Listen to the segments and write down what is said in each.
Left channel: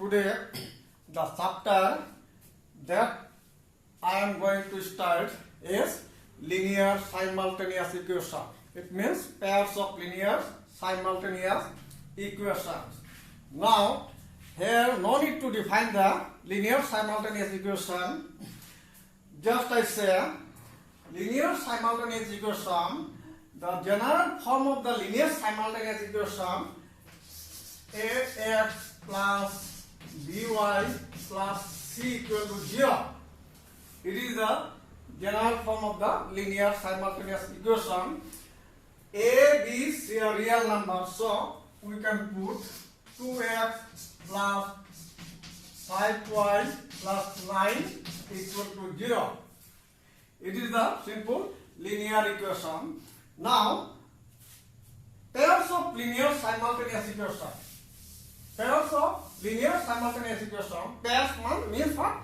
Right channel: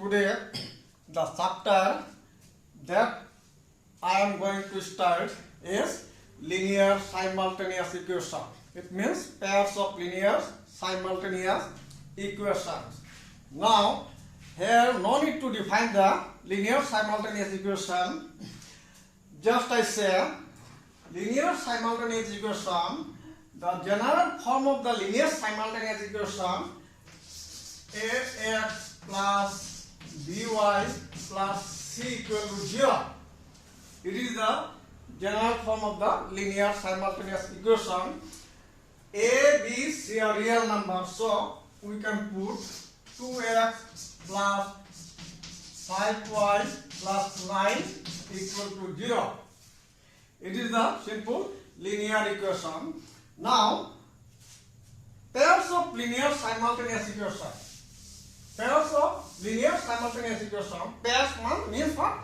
Today the chapter that I am going to start is linear simultaneous equation. It means pairs of linear simultaneous equations. Now here no need to define the linear simultaneous equation. Just I say linear simultaneous equation, the general form of the linear simultaneous equation ax plus by plus c equal to 0. It is the general form of the linear simultaneous equation. A, B, C are real numbers, so we can put 2x plus 5y plus 9 equal to 0. It is the simple linear equation. Now, pairs of linear simultaneous equation. Pairs of linear simultaneous equation. Pairs one means what?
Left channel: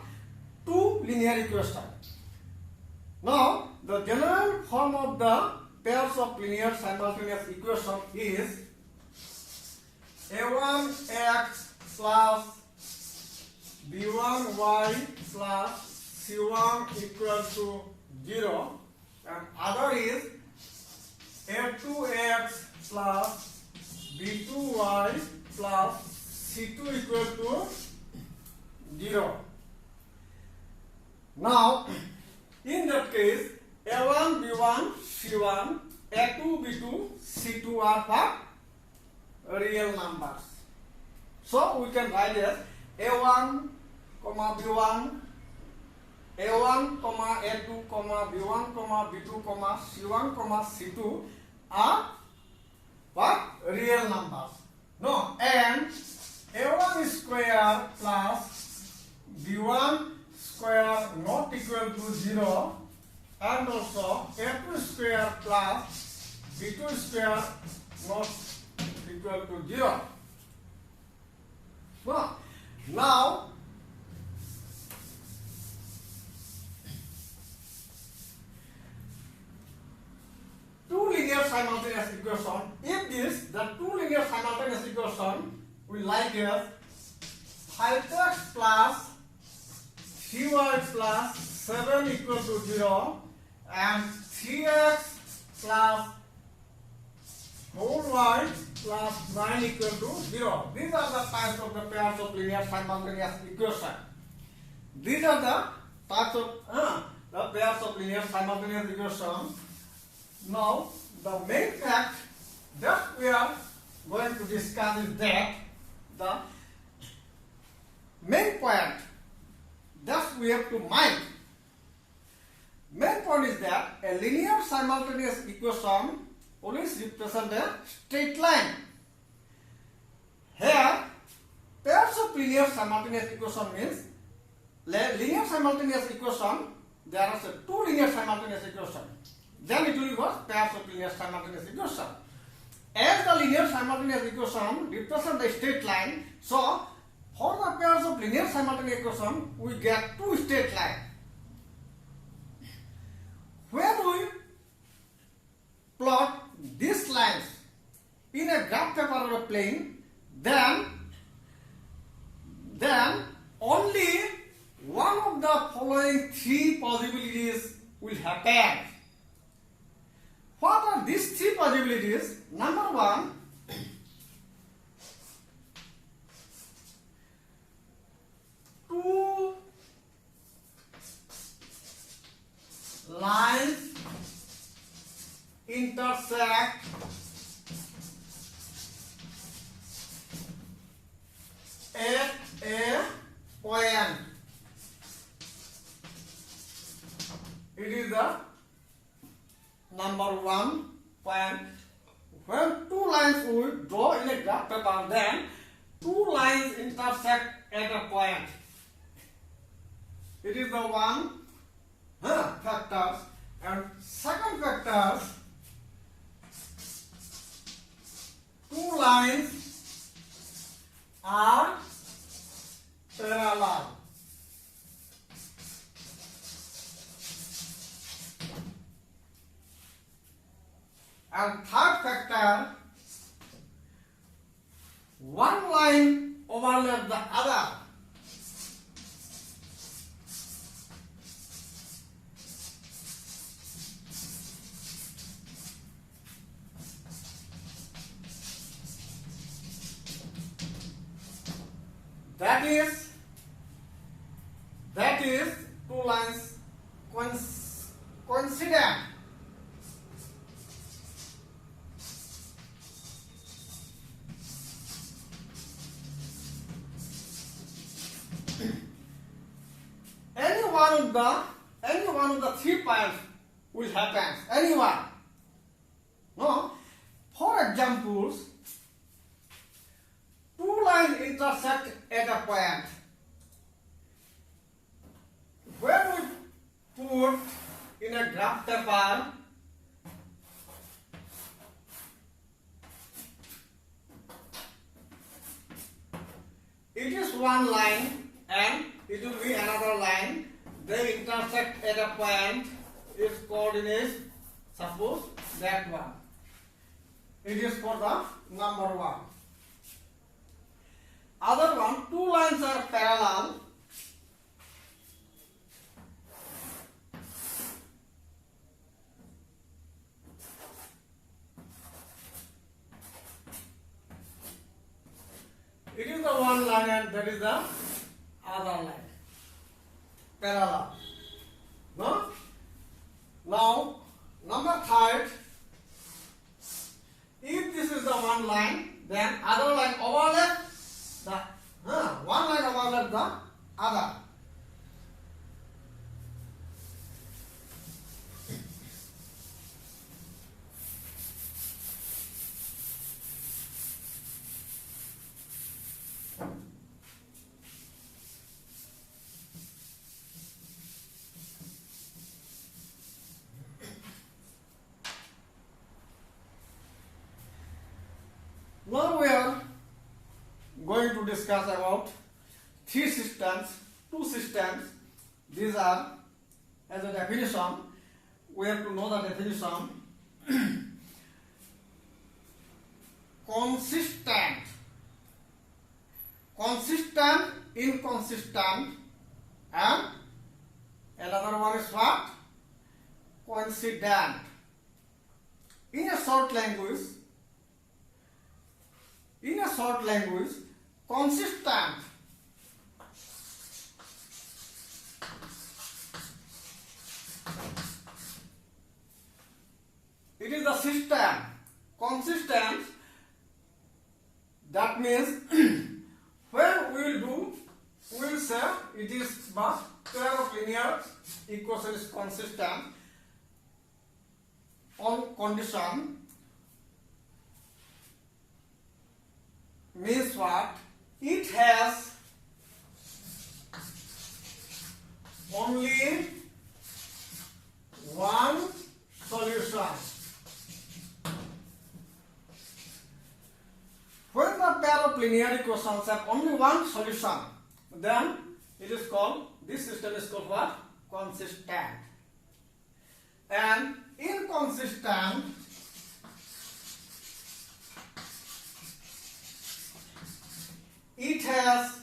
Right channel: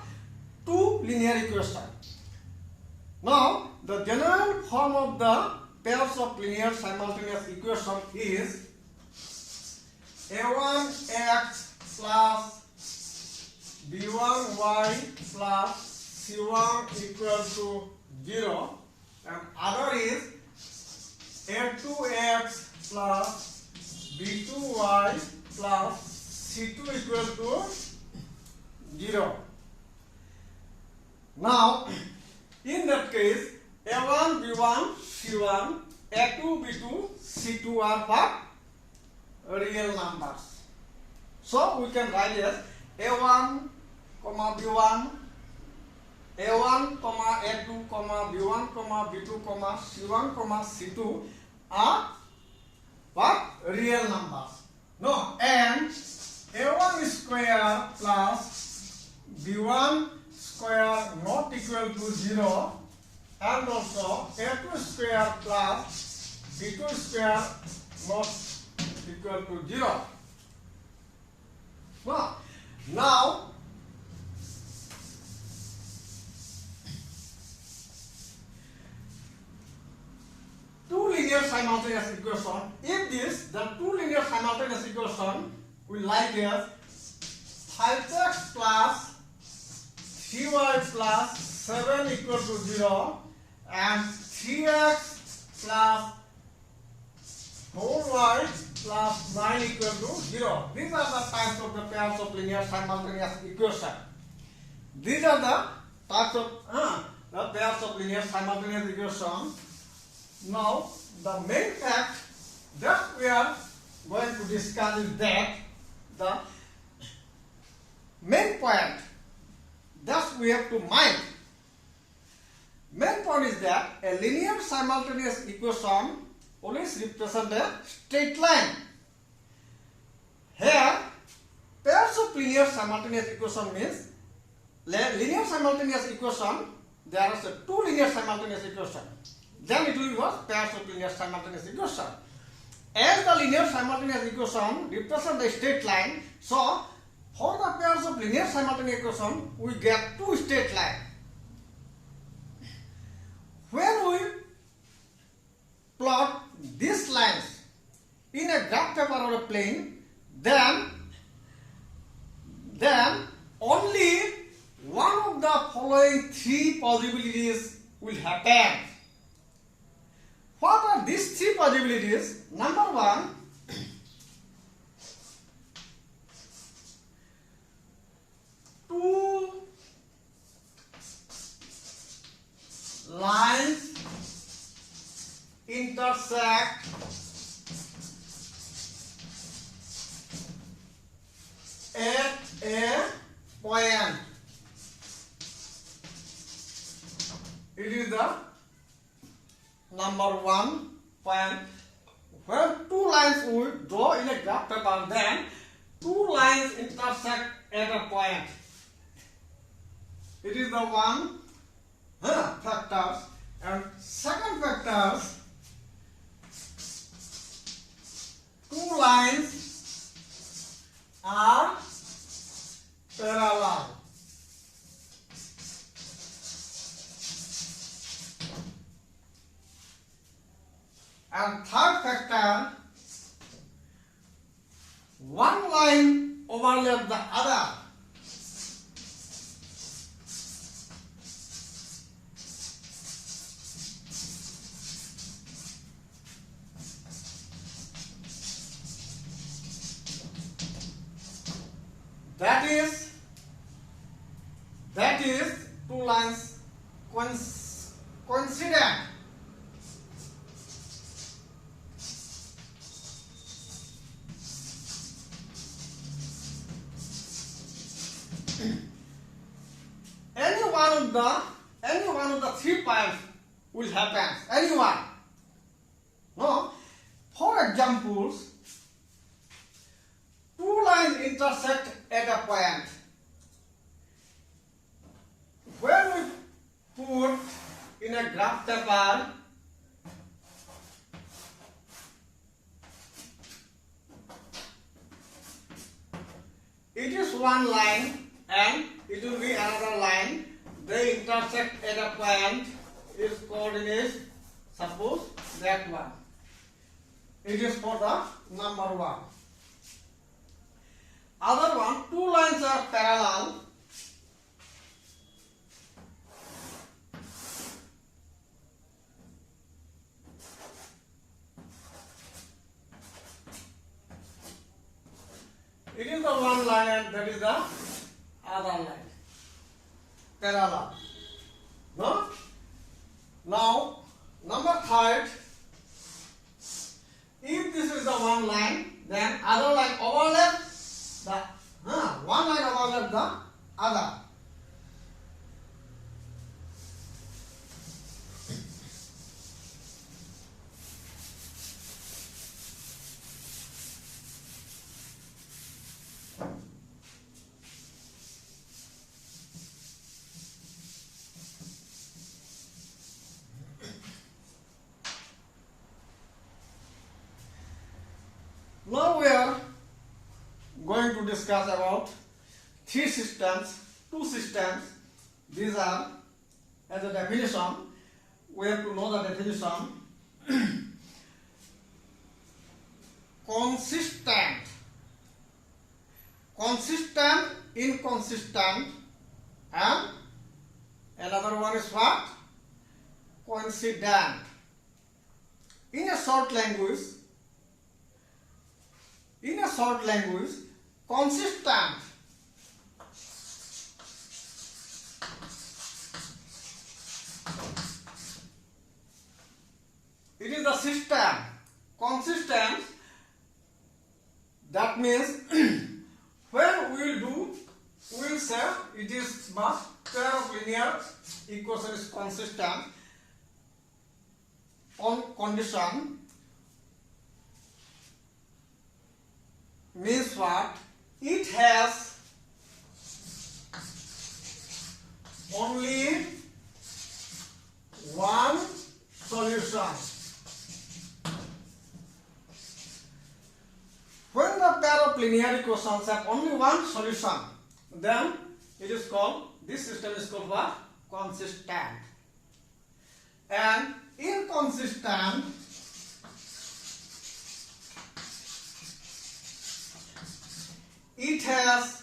Two linear equations. Now, the general form of the pairs of linear simultaneous equation is a1x plus b1y plus c1 equal to 0, and other is a2x plus b2y plus c2 equal to 0. Now, in that case, a1, b1, c1, a2, b2, c2 are what? Real numbers. So we can write as a1, b1, a1, a2, b1, b2, c1, c2 are what? Real numbers. No, and a1 square plus b1 square not equal to 0, and also a2 square plus b2 square not equal to 0. Now two linear simultaneous equation. If the two linear simultaneous equation we like as 5x plus 3y plus 7 equal to 0 and 3x plus 4y plus 9 equal to 0. These are the types of the pairs of linear simultaneous equation. These are the types of the pairs of linear simultaneous equation. Now, the main fact that we are going to discuss is that the main point that we have to mind. Main point is that a linear simultaneous equation always represents a straight line. Here, pairs of linear simultaneous equation means linear simultaneous equation. There are two linear simultaneous equations. Then it will be what? Pairs of linear simultaneous equation. As the linear simultaneous equation represents the straight line, so for the pairs of linear simultaneous equation, we get two straight lines. When we plot these lines in a graph paper or a plane, then only one of the following three possibilities will happen. What are these three possibilities? Number one, two lines intersect at a point. It is the number one point. When two lines we draw in a graph paper, then two lines intersect at a point. It is the one factor. And second factor, two lines are parallel. And third factor, one line overlap the other. That is two lines coincident. Any one of the 3 points will happen. Any one. No. For example, two lines intersect at a point. When we put in a graph paper, it is one line and it will be another line. They intersect at a point. Its coordinates, suppose that one. It is for the number 1. Other one, two lines are parallel. It is the one line and that is the other line. Parallel. No? Now, number 3, if this is the one line, then other line overlap the one line overlap the other. Now we are going to discuss about 3 systems, 2 systems. These are, as a definition, we have to know the definition. Consistent, inconsistent, and another one is what? Coincident. In a short language, consistent it is the system. Consistent, that means when we will say it is but pair of linear equation is consistent on condition. Means what? It has only one solution. When the pair of linear equations have only one solution, then it is called, this system is called what? Consistent. And inconsistent, it has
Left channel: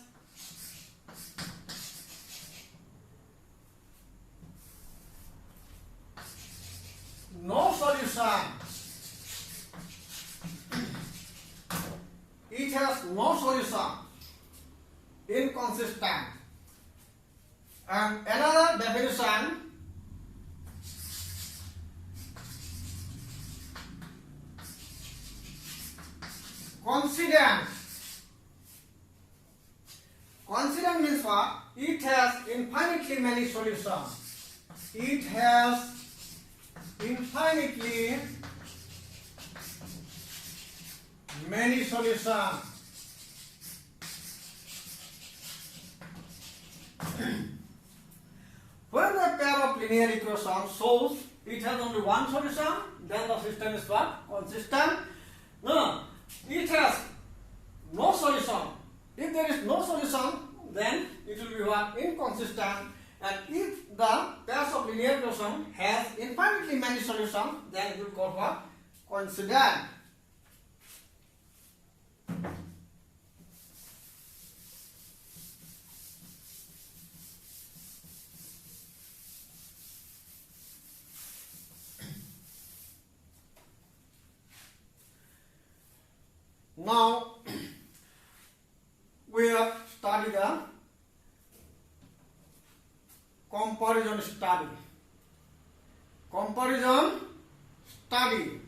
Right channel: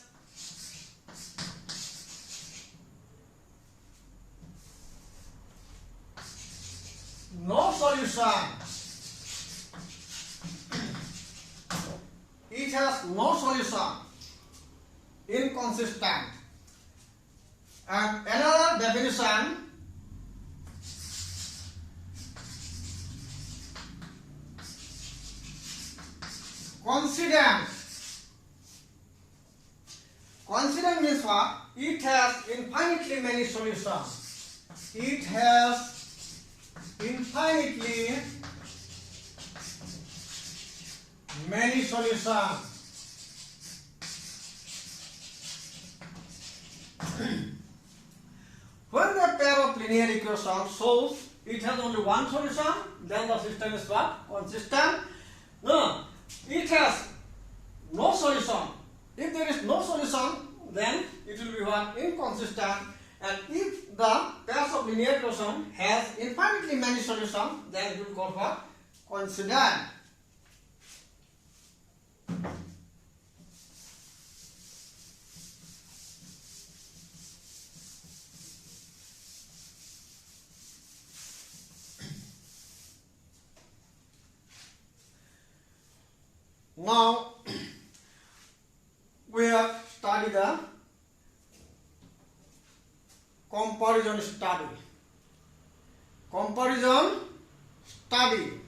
no solution. It has no solution. Inconsistent. And another definition, coincident. Coincident means what? It has infinitely many solutions. It has infinitely many solutions. When the pair of linear equations shows it has only one solution, then the system is what? Consistent. No, it has no solution. If there is no solution, then it will be what? Inconsistent. And if the pairs of linear equation has infinitely many solutions, then it will be called what? Coincident. Now we have studied the comparison study. Comparison study.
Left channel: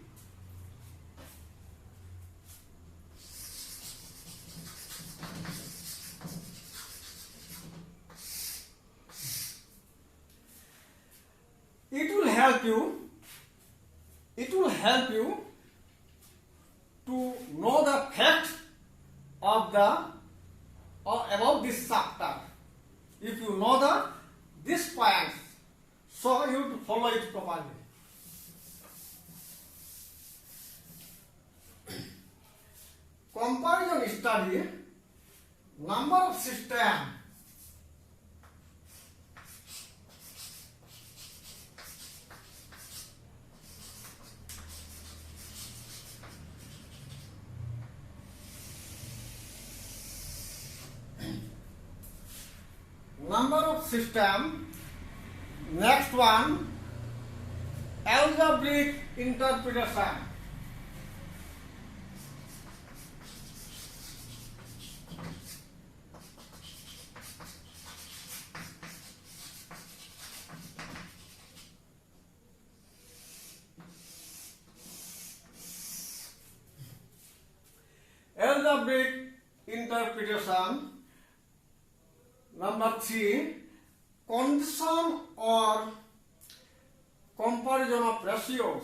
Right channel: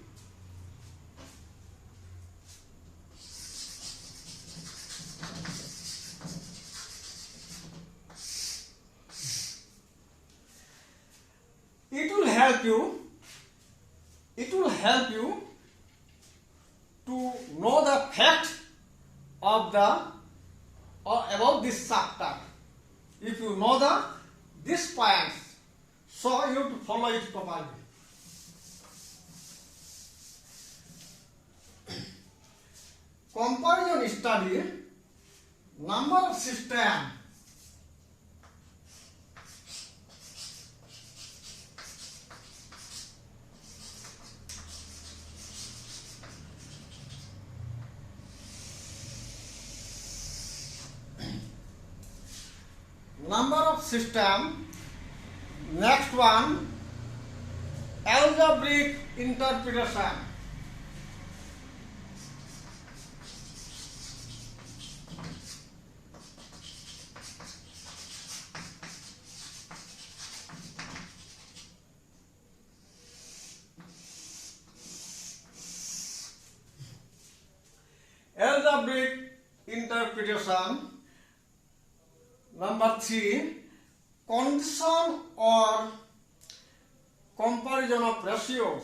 It will help you to know the fact of the or about this chapter. If you know this points, so you have to follow it properly. Comparison study, number system. Number of system. Next one, algebraic interpretation. Algebraic interpretation. Number 3, condition or comparison of ratios.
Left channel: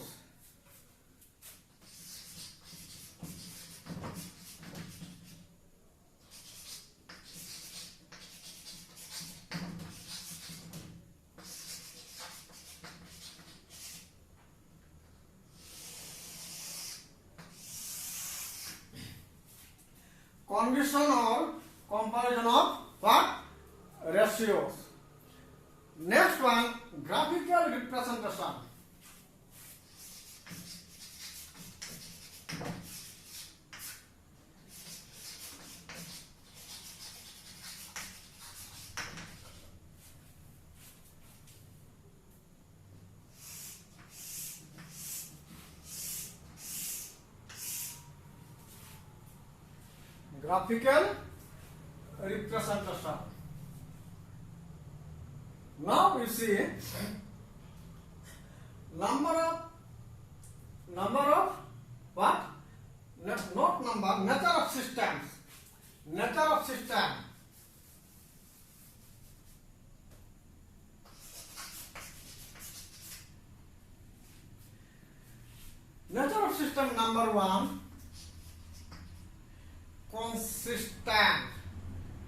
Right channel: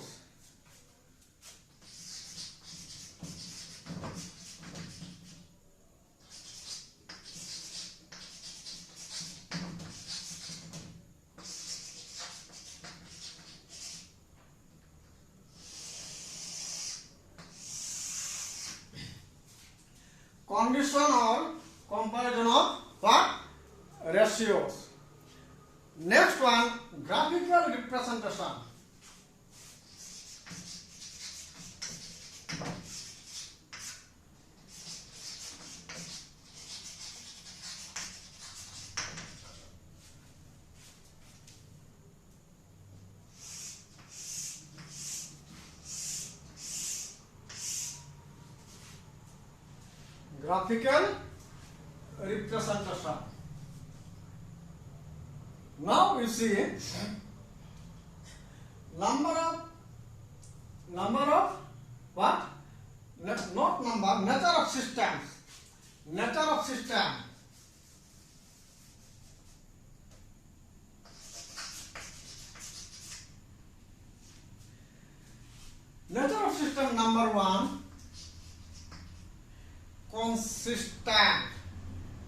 Condition or comparison of what? Ratios. Next one, graphical representation. Graphical representation. Now we see number of what? Not number, nature of systems. Nature of system. Nature of system number 1, consistent.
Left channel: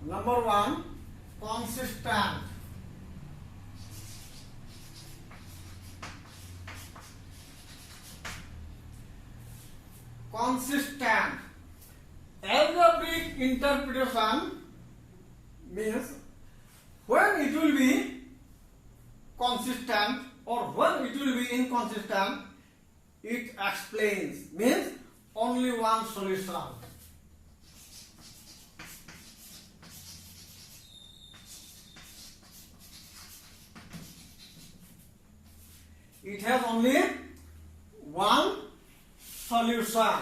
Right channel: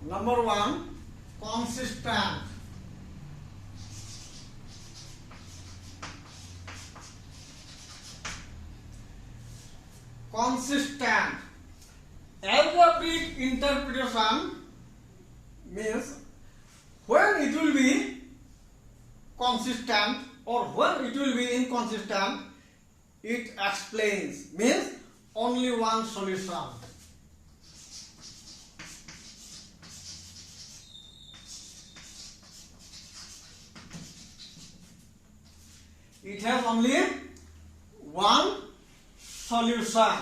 Number 1, consistent. Consistent. Algebraic interpretation means when it will be consistent or when it will be inconsistent, it explains, means only one solution. It has only one solution.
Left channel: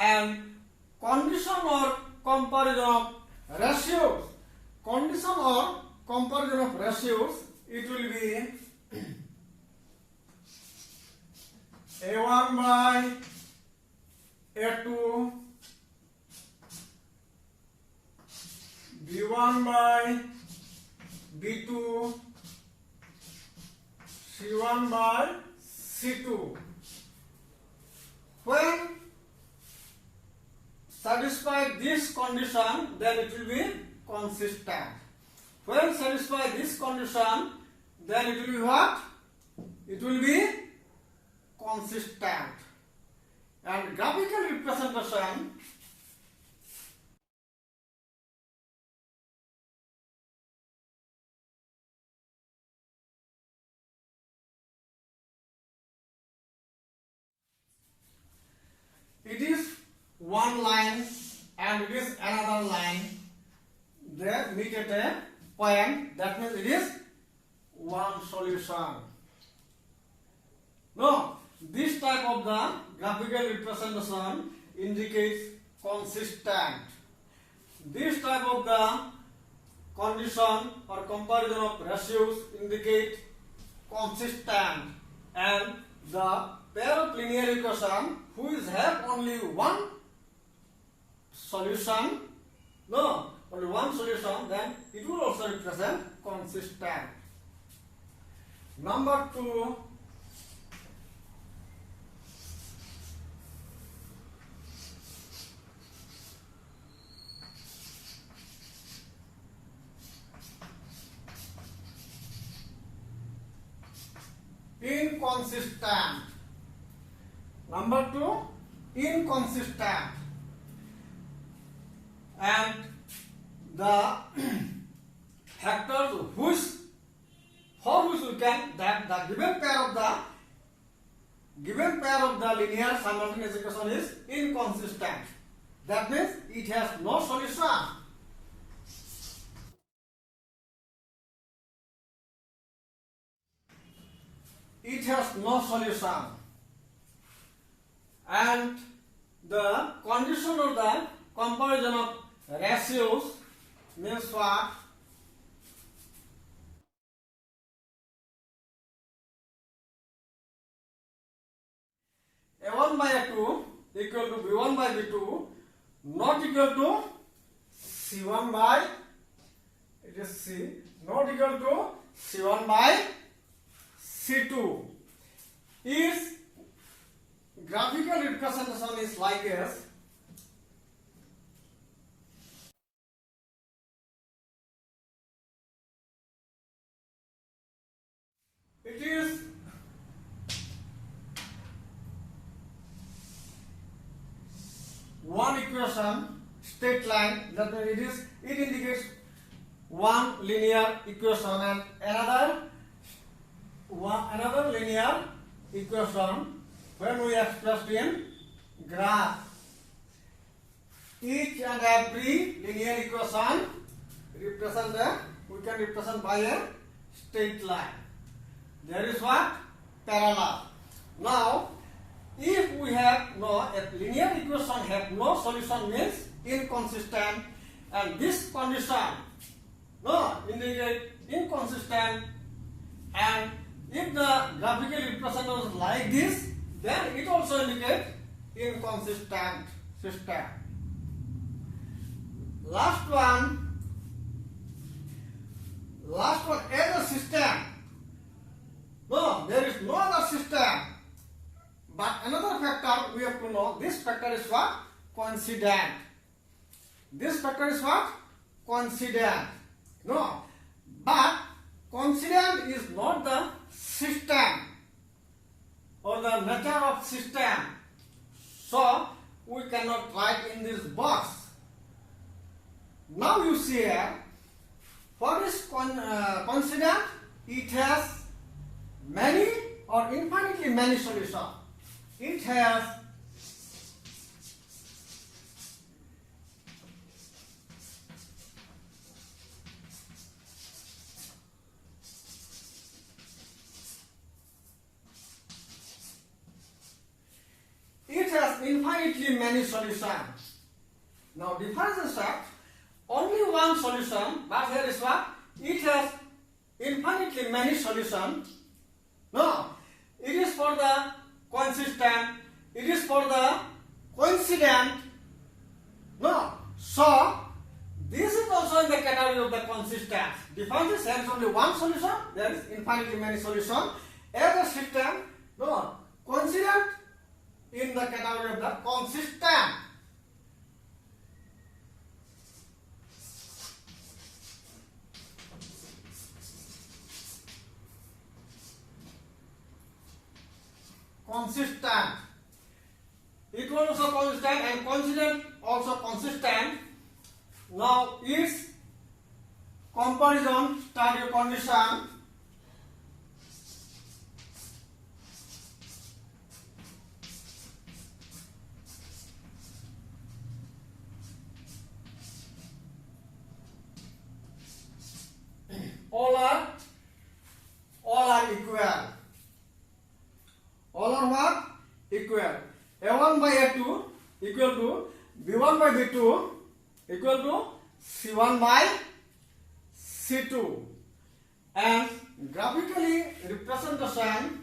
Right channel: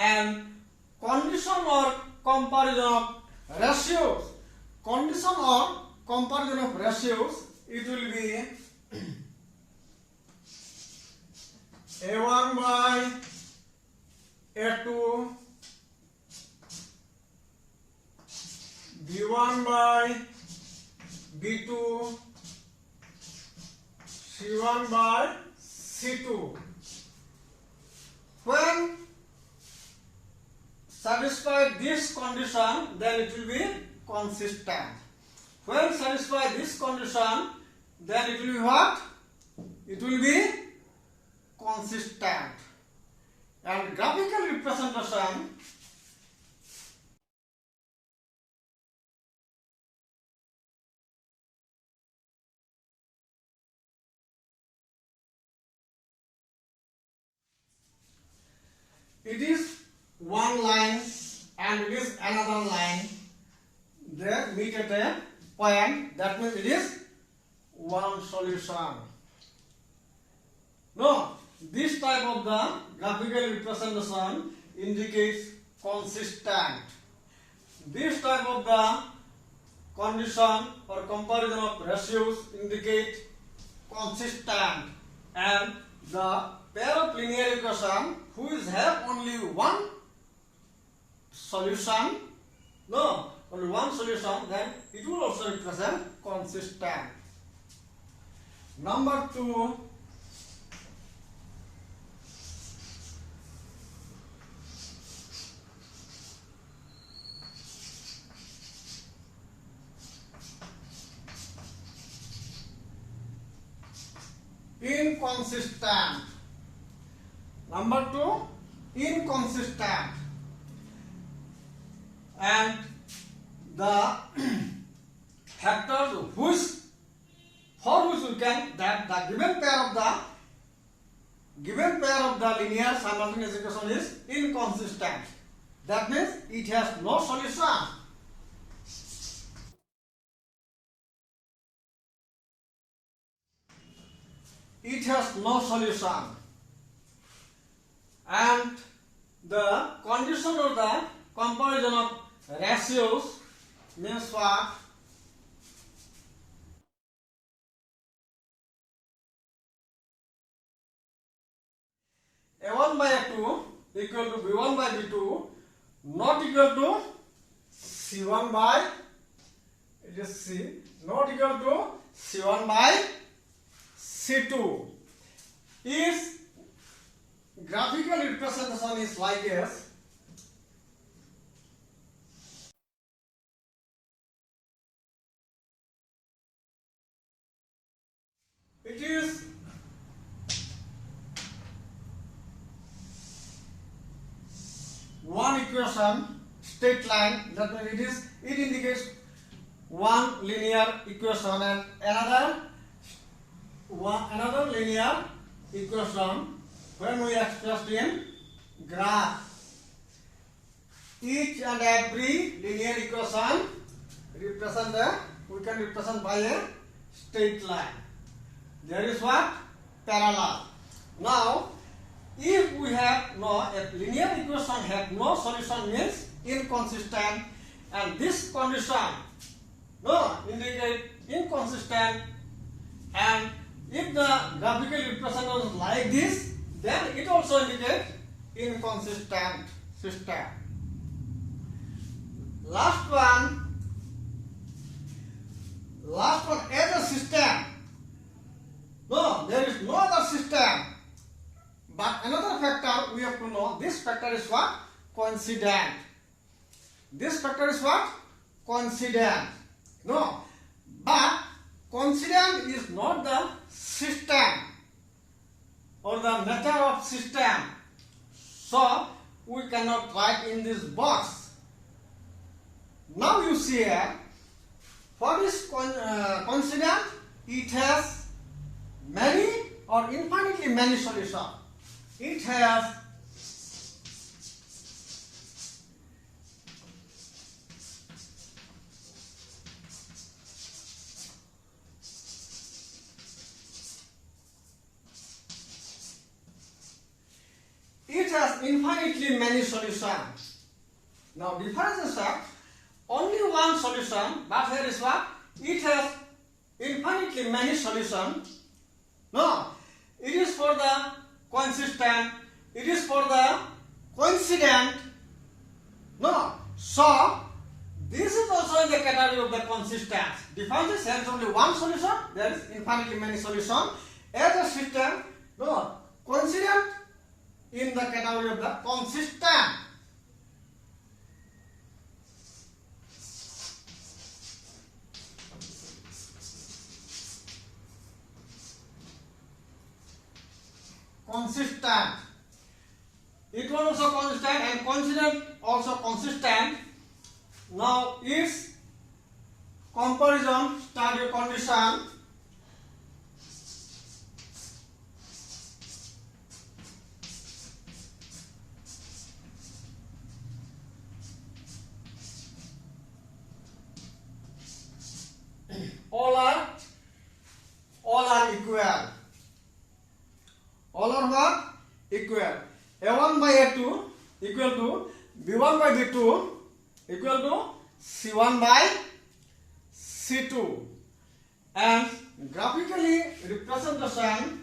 And condition or comparison of ratios. Condition or comparison of ratios, it will be A1 by A2, B1 by B2, C1 by C2. When satisfy this condition, then it will be consistent. When satisfy this condition, then it will be what? It will be consistent. And graphical representation, it is one line and it is another line. They meet at a point, that means it is one solution. No, this type of the graphical representation indicates consistent. This type of the condition or comparison of ratios indicate consistent, and the pair of linear equation which have only one solution, only one solution, then it will also represent consistent. Number 2, inconsistent. Number 2, inconsistent. And the factors for which we can, that the given pair of the linear simultaneous equation is inconsistent. That means it has no solution. It has no solution. And the condition of the comparison of ratios means what? A1 by A2 equal to B1 by B2 not equal to C1 by, it is C, not equal to C1 by C2. Its graphical representation is like this. It is one equation, straight line, that means it indicates one linear equation and another linear equation when we expressed in graph. Each and every linear equation we can represent by a straight line. There is what? Parallel. Now, if we have a linear equation have no solution means inconsistent, and this condition indicate inconsistent, and if the graphical representation is like this, then it also indicates inconsistent system. Last one as a system. No, there is no other system. But another factor we have to know, this factor is what? Coincident. This factor is what? Coincident. No, but coincident is not the system or the nature of system. So, we cannot write in this box. Now you see here, what is coincident? It has many or infinitely many solutions. It has infinitely many solutions. Now difference is that only one solution, but here is what? It has infinitely many solutions. No, it is for the consistent, it is for the coincident. No, so this is also in the category of the consistent. Difference is there is only one solution, there is infinitely many solutions. As a system, no, coincident in the category of the consistent. Consistent. It was also consistent and coincident also consistent. Now its comparison study condition. All are equal. All are what? Equal. A1 by A2 equal to B1 by B2 equal to C1 by C2, and graphically representation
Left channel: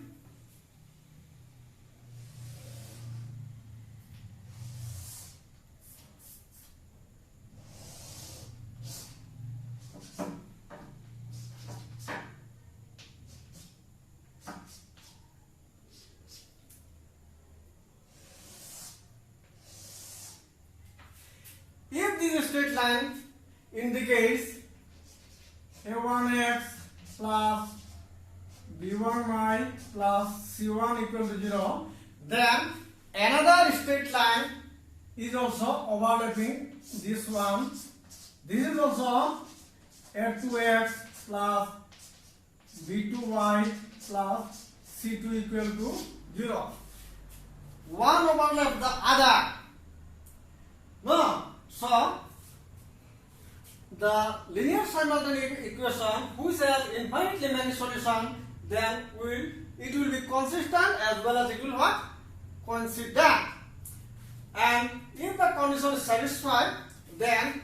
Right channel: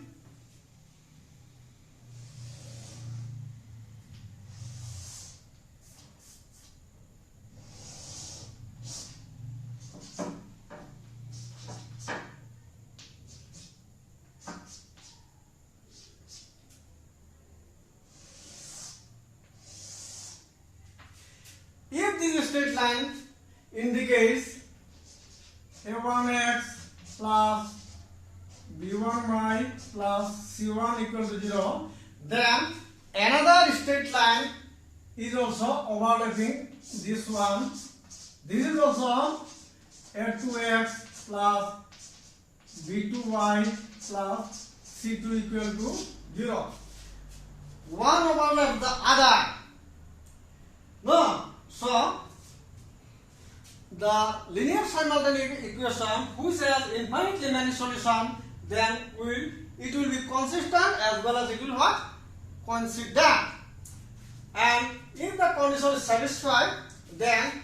if this straight line indicates a1x plus b1y plus c1 equal to 0, then another straight line is also overlapping this one. This is also a2x plus b2y plus c2 equal to 0. One overlaps the other. No. So, the linear simultaneous equation which has infinitely many solutions, then it will be consistent as well as it will what? Coincident. And if the condition is satisfied, then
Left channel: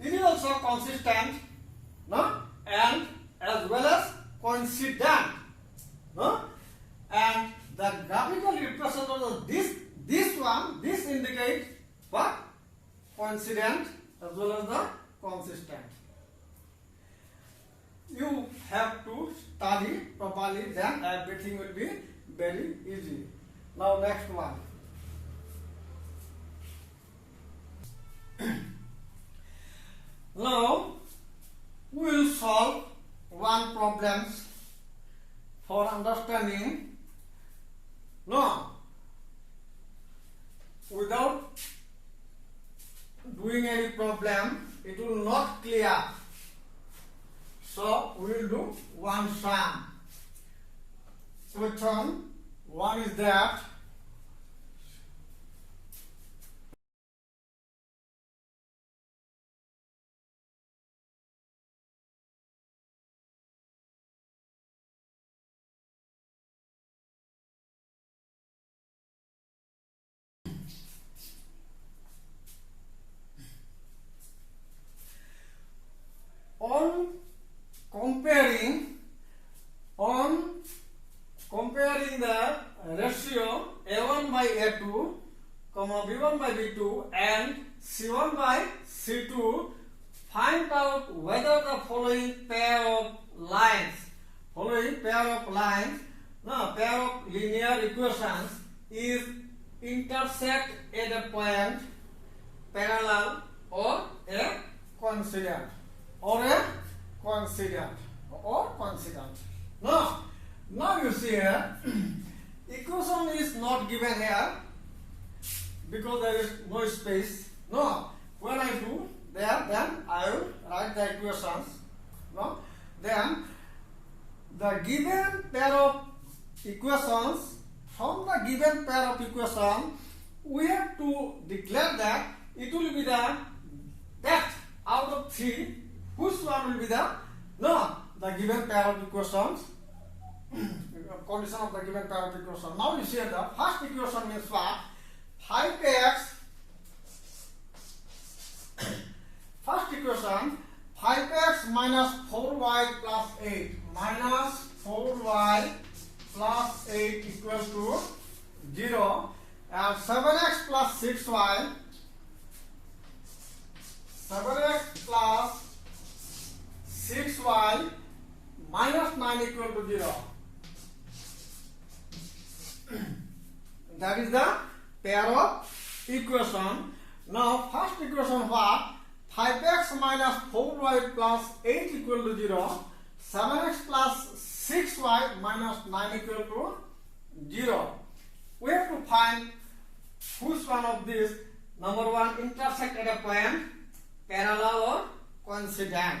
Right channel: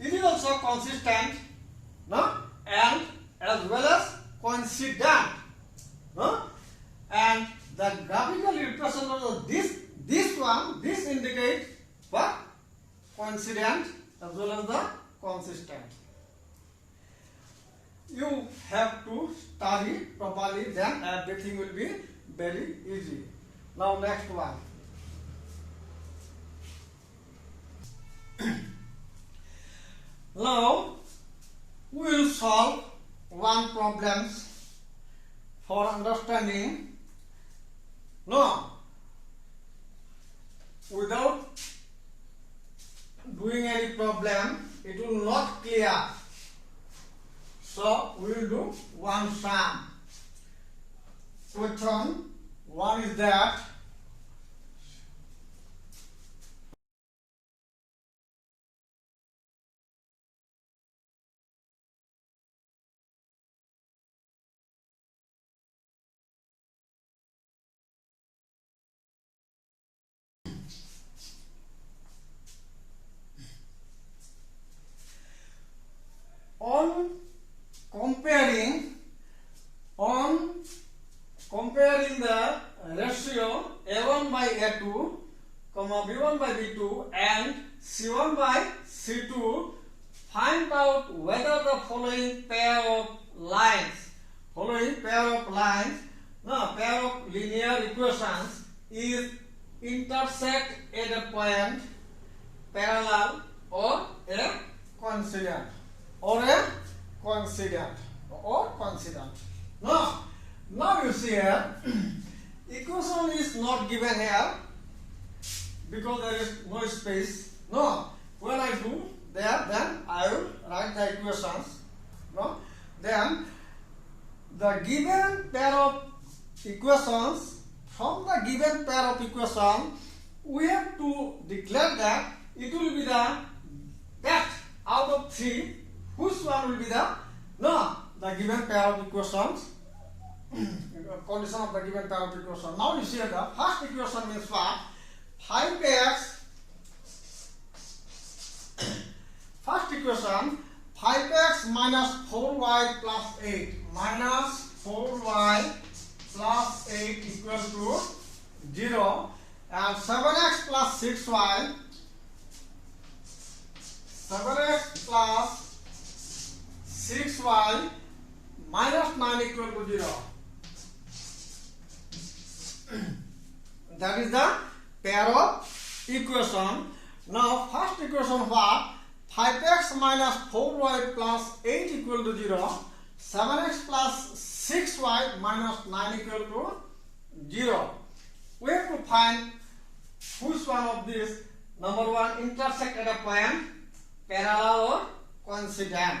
it is also consistent, no? And as well as coincident, no? And the graphical representation of this indicates what? Coincident as well as the consistent. You have to study properly, then everything will be very easy. Now next one. Now we will solve one problem for understanding. No, without doing any problem, it will not clear. So we will do one sum. Question one is that on comparing the ratio a1 by a2, b1 by b2 and c1 by c2, find out whether the following pair of linear equations is intersect at a point parallel or a coincident. Now you see here, equation is not given here because there is no space. No, when I do there, then I will write the equations. No, then the given pair of equations, from the given pair of equations, we have to declare that it will be the best out of three. Which one will be the given pair of equations? Condition of the given pair of equations. Now you see the first equation means what? 5x. First equation, 5x minus 4y plus 8. Minus 4y plus 8 equals to 0. And 7x plus 6y. 7x plus 6y minus 9 equal to 0. That is the pair of equation. Now first equation what? 5x minus 4y plus 8 equal to 0. 7x plus 6y minus 9 equal to 0. We have to find which one of these, number one, intersect at a point parallel or coincident.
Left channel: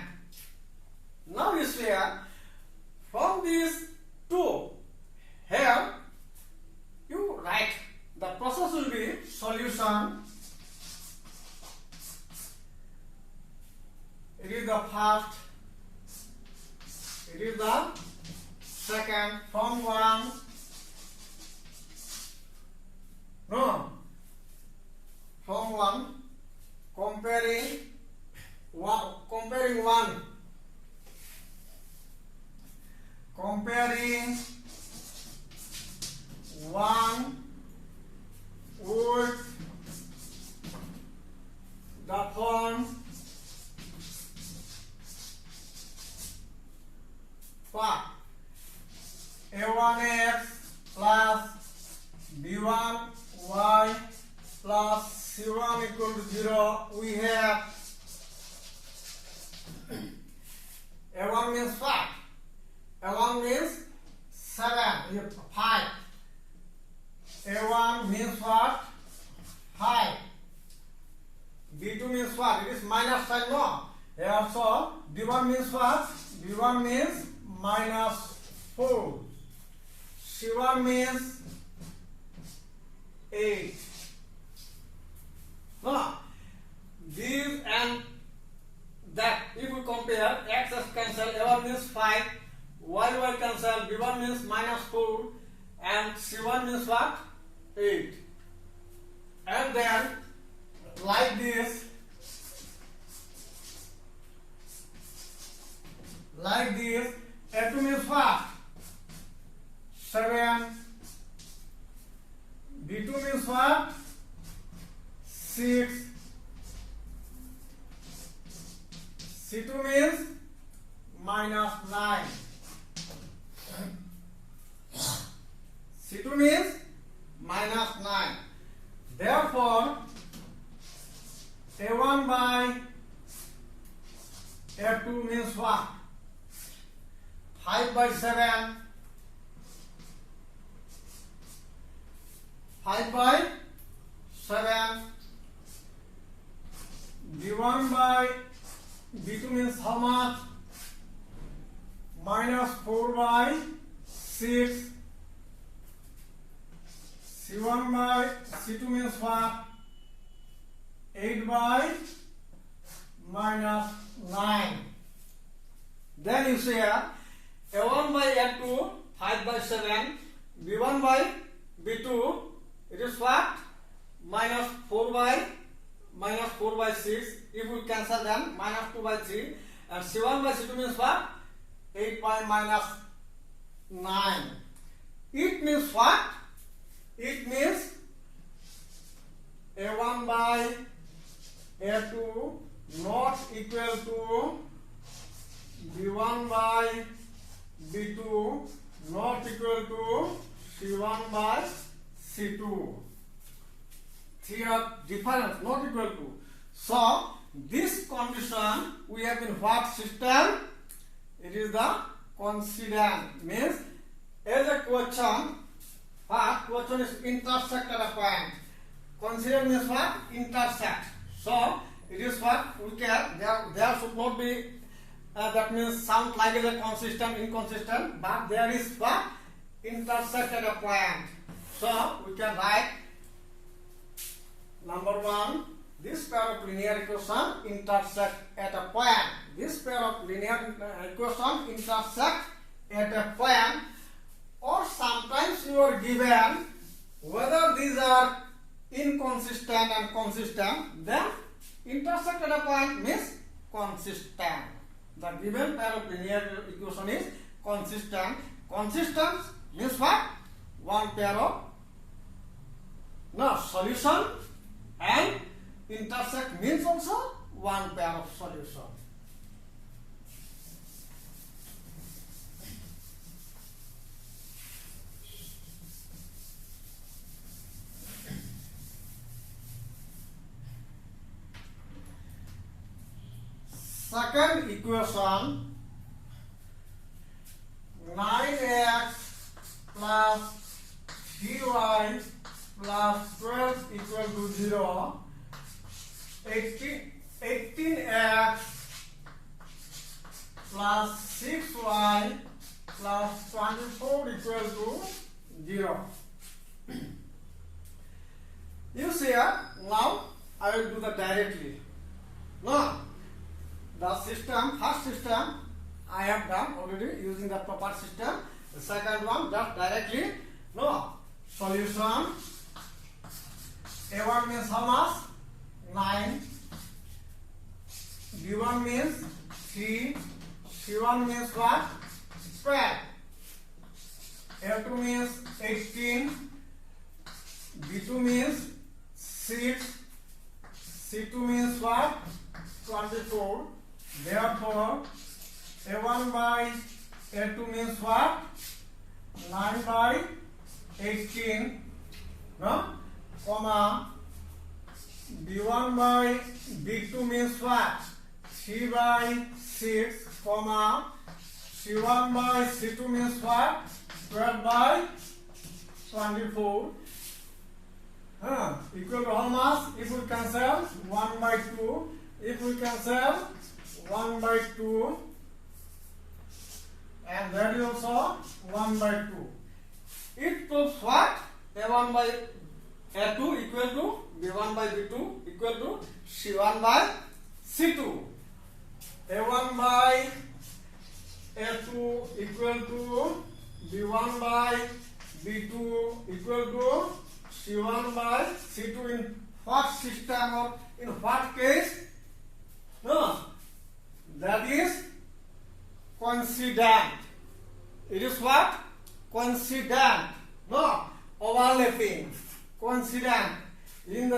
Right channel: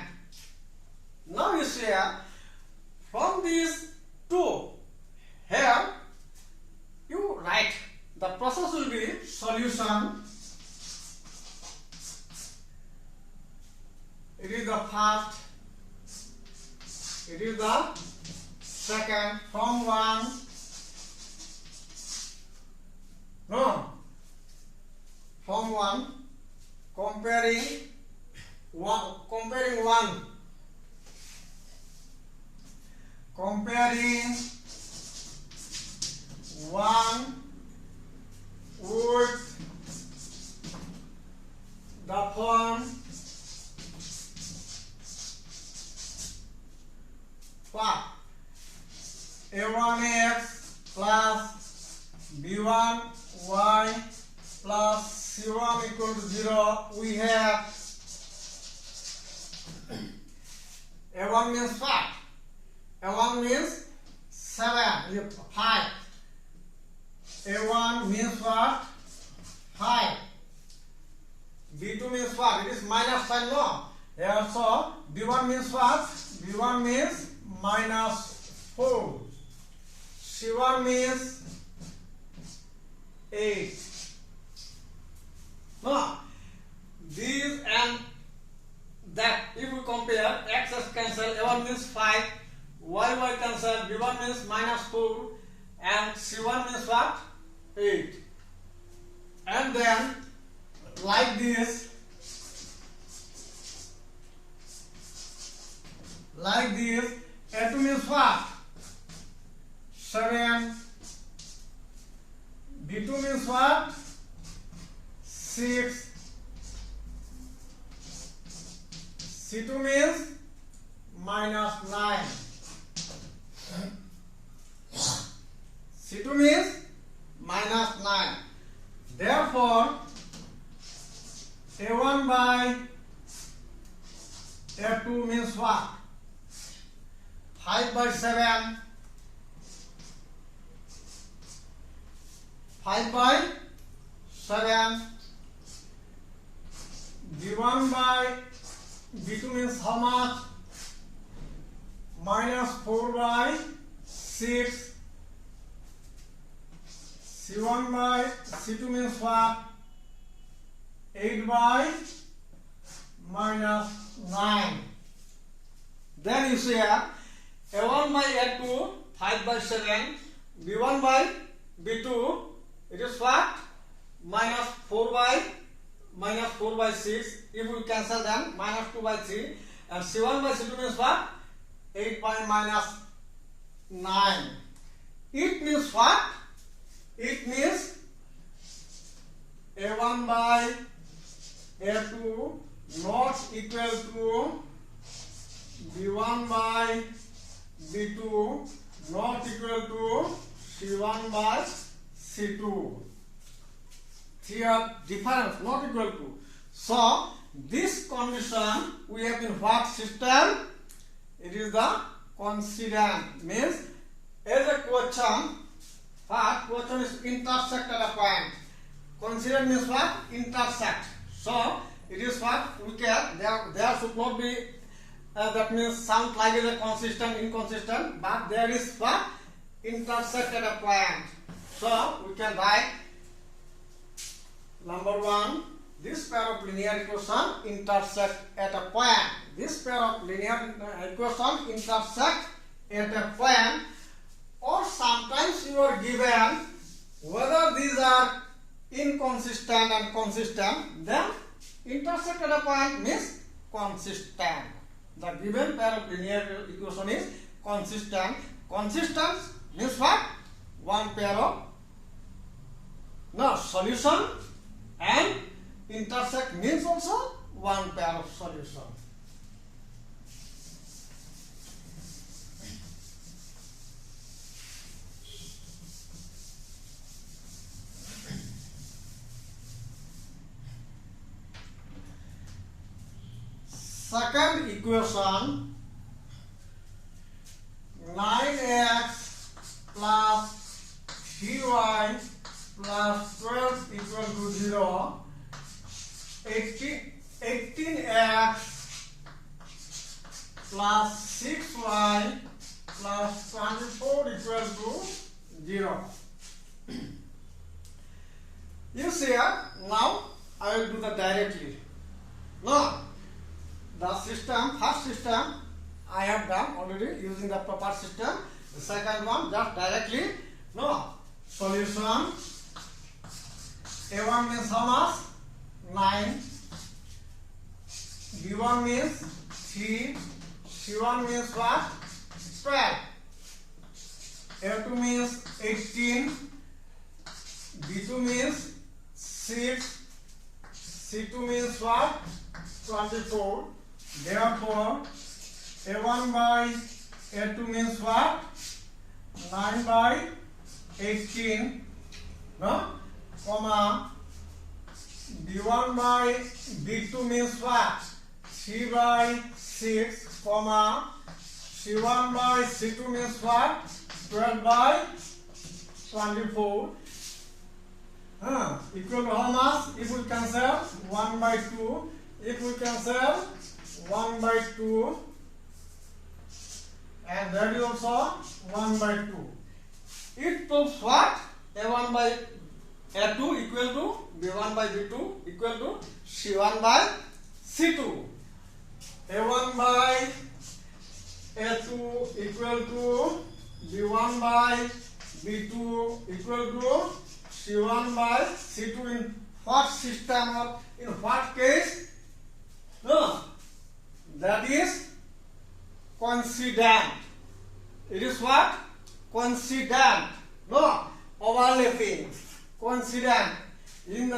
Now you see here, from these two, here you write, the process will be solution. It is the first, it is the second, from one, no, B1 y plus C1 equal to 0, we have A1 means what? A1 means 7, 5. A1 means what? 5. B2 means what? It is minus sign, no? Yeah, so B1 means what? B1 means minus 4. C1 means 8. No, these and that, if we compare, x cancel, A1 means 5, y cancel, B1 means minus 4, and C1 means what? 8. And then, like this, A2 means what? 7. B2 means what? 6. C2 means minus 9. C2 means minus 9. Therefore, A1 by A2 means what? 5 by 7. 5 by 7. B1 by B2 means how much? Minus 4 by 6. C1 by C2 means what? 8 by minus 9. Then you say A1 by A2, 5 by 7. B1 by B2, it is what? Minus 4 by 6. If we cancel them, minus 2 by 3. And C1 by C2 means what? 8 by minus 9. It means what? It means A1 by A2 not equal to B1 by B2 not equal to C1 by C2. Three are different, not equal to. So, this condition we have in what system? It is the coincident. Means, as a question, what question is intersect at a point. Coincident means what? Intersect. So, it is what we can, there should not be, that means sound like a consistent, inconsistent, but there is what? Intersect at a point. So, we can write number 1, this pair of linear equations intersect at a point. This pair of linear equations intersect at a point, or sometimes you are given whether these are inconsistent and consistent, then intersect at a point means consistent. The given pair of linear equation is consistent. Consistent means what? One pair of solution, and intersect means also one pair of solution. Second equation, 9x plus 3y plus 12 equal to 0. 18x plus 6y plus 24 equal to 0. You see now I will do the directly. Now the system, first system I have done already using the proper system. The second one just directly. No solution. A1 means how much? 9. B1 means 3. C1 means what? 12. A2 means 18. B2 means 6. C2 means what? 24. Therefore, A1 by A2 means what? 9 by 18. no, comma b1 by b2 means what? 3 by 6, comma c1 by c2 means what? 12 by 24. Equal to how much? If we cancel 1 by 2, if we cancel 1 by 2, and that is also 1 by 2. It proves what? A1 by A2 equal to B1 by B2 equal to C1 by C2. A1 by A2 equal to B1 by B2 equal to C1 by C2 in what system or in what case? No, that is coincident. It is what? Coincident. No, overlapping. Coincident. In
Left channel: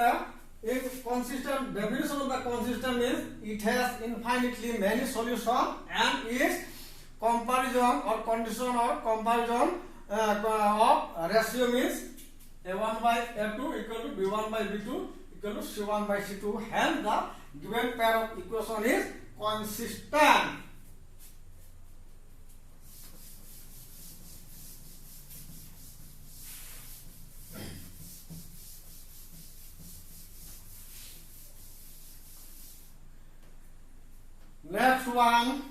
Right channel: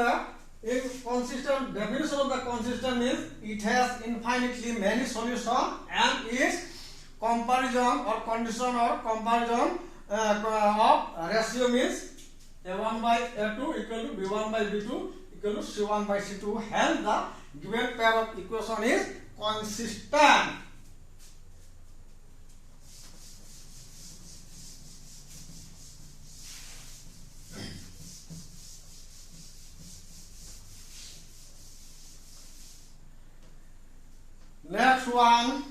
consistent, definition of the consistent means it has infinitely many solutions and its comparison or condition or comparison of ratio means A1 by A2 equal to B1 by B2 equal to C1 by C2. Hence the given pair of equation is consistent. Next one,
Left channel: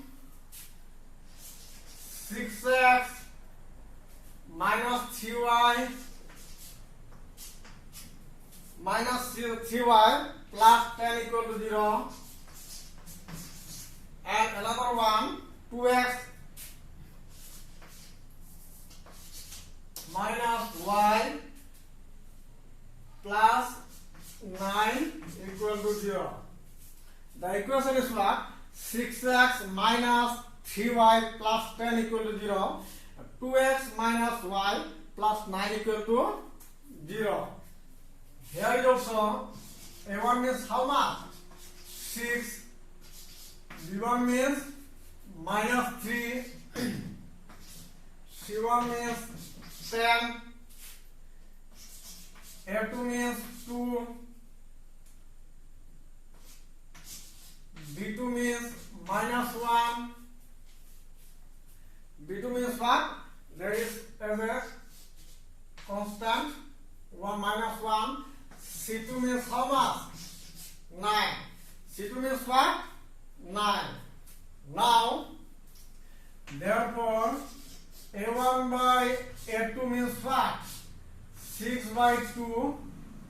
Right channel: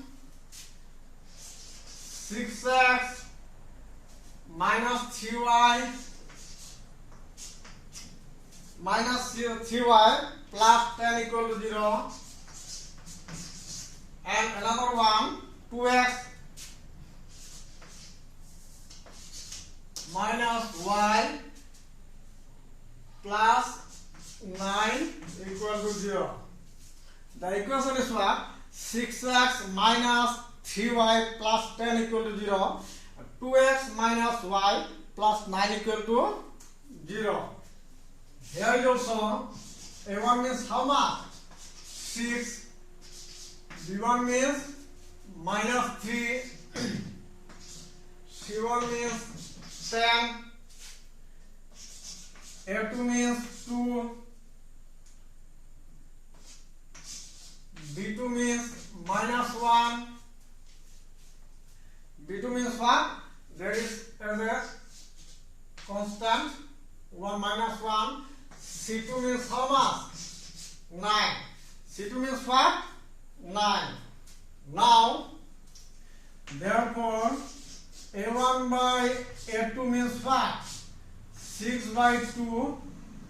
6x minus 3y minus 3y plus 10 equal to 0, and another one, 2x minus y plus 9 equal to 0. The equation is what? 6x minus 3y plus 10 equal to 0, 2x minus y plus 9 equal to 0. Here is also A1 means how much? 6, B1 means minus 3, C1 means 10, A2 means 2, B2 means minus 1, B2 means what? There is a constant 1 minus 1. C2 means how much? 9. C2 means what? 9. Now, therefore, A1 by A2 means what? 6 by 2.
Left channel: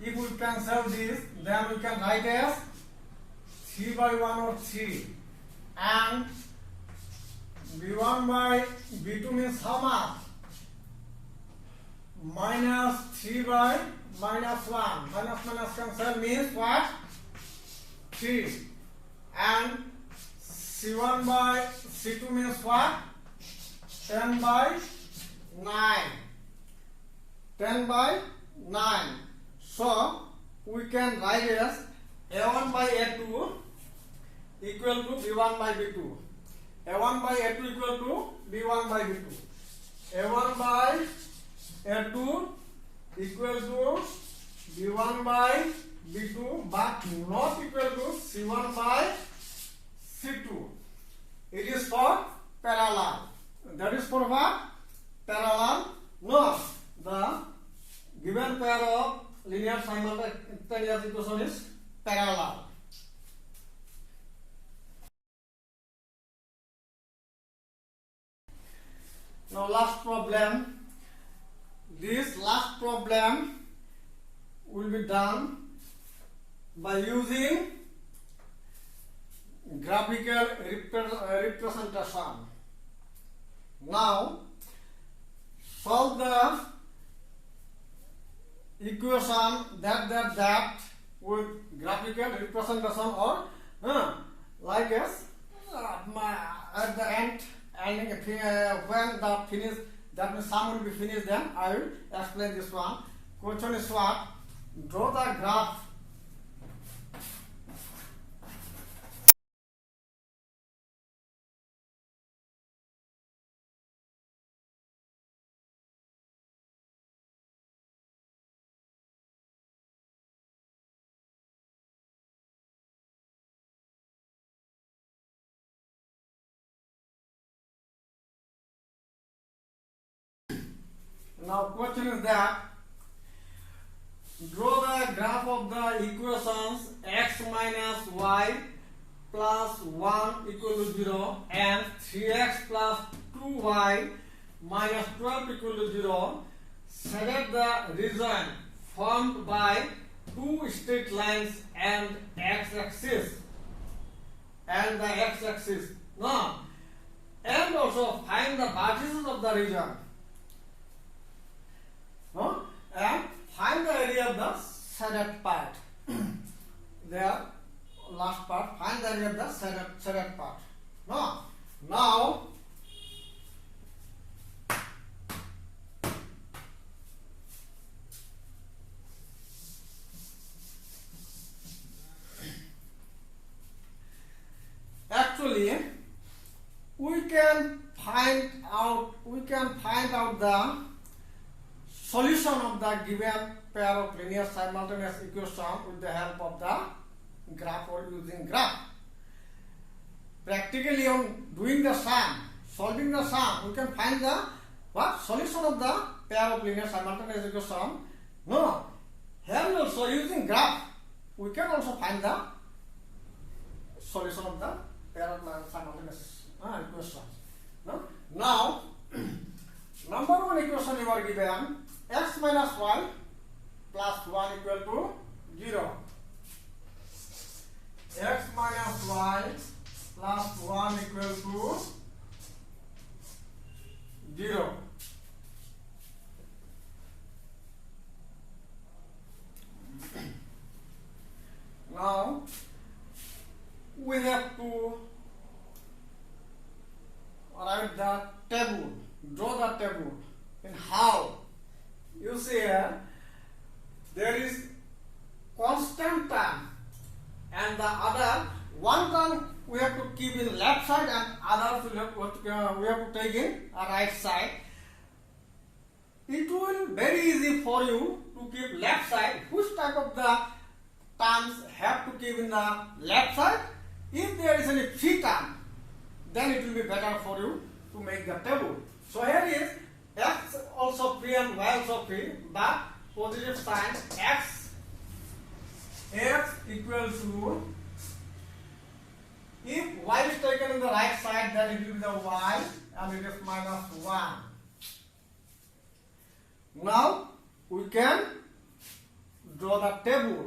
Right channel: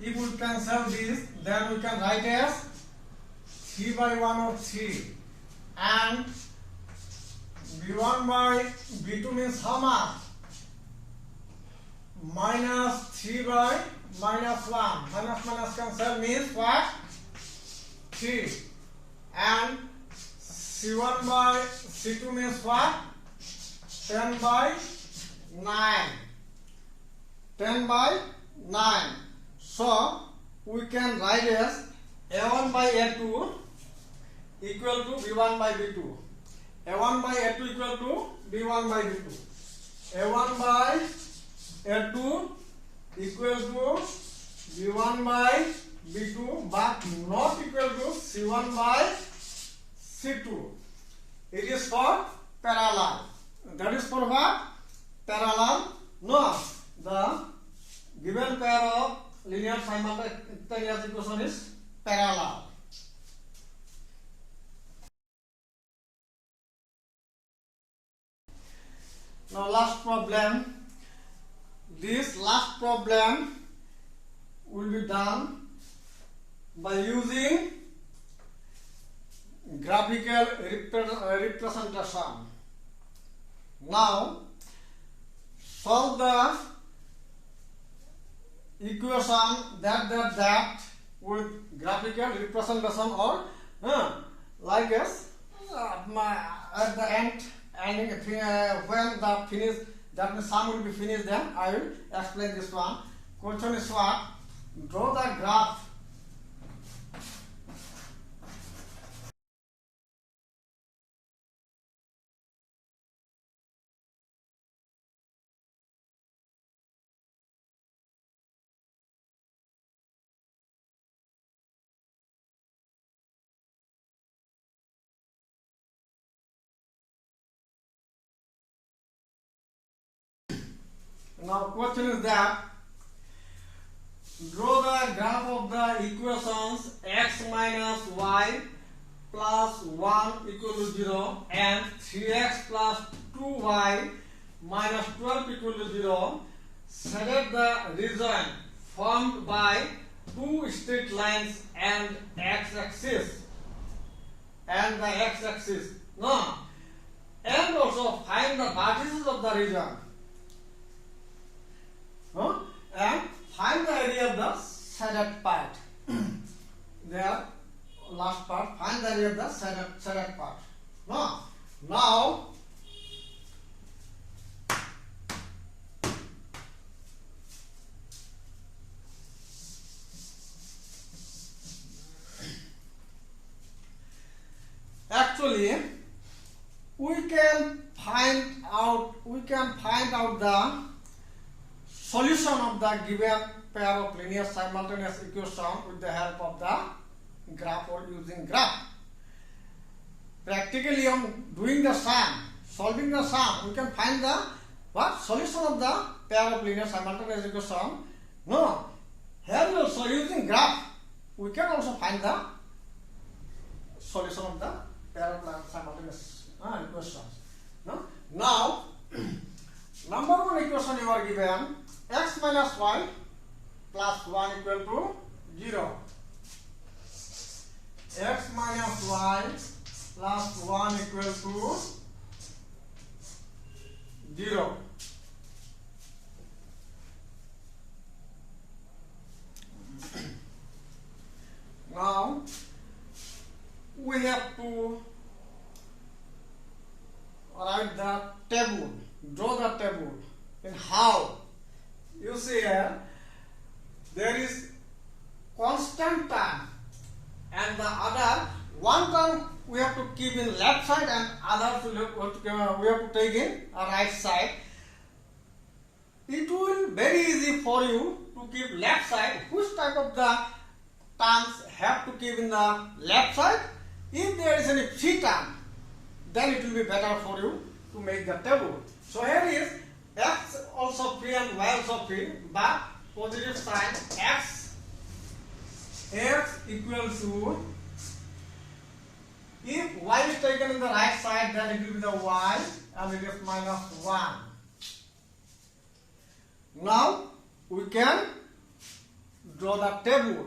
If we cancel this, then we can write as 3 by 1 or 3. And B1 by B2 means how much? Minus 3 by minus 1. Minus minus cancel means what? 3. And C1 by C2 means what? 10 by 9. 10 by 9. So we can write as A1 by A2 equal to B1 by B2. A1 by A2 equal to B1 by B2. A1 by A2 equal to B1 by B2 but not equal to C1 by C2. It is for parallel. That is for what? Parallel. No, the given pair of linear simultaneous equation is parallel. Now last problem. This last problem will be done by using graphical representation. Now solve the equation that with graphical representation or like as at the end. And when the finish, that means sum will be finished, then I will explain this one. Question is what? Draw the graph Now question is that draw the graph of the equations x minus y plus 1 equal to 0 and 3x plus 2y minus 12 equal to 0. Select the region formed by two straight lines and x-axis and the x-axis. No. And also find the vertices of the region. No? And find the area of the shaded part. There, last part. Find the area of the shaded part. No. Now, actually, we can find out the solution of the given pair of linear simultaneous equation with the help of the graph or using graph. Practically, on doing the sum, solving the sum, we can find the solution of the pair of linear simultaneous equation. No, here also using graph, we can also find the solution of the pair of simultaneous equations. No? Now, number one equation you are given x minus y plus 1 equal to 0. X minus y plus 1 equal to 0. Now, we have to write the table, draw the table. And how? You see here, there is constant term and the other one term we have to keep in left side and others we have to take in right side. It will be very easy for you to keep left side. Which type of the terms have to keep in the left side? If there is any free term, then it will be better for you to make the table. So here is x also free and y also free, but positive sign x equals to, if y is taken in the right side, then it will be the y and it is minus 1. Now we can draw the table.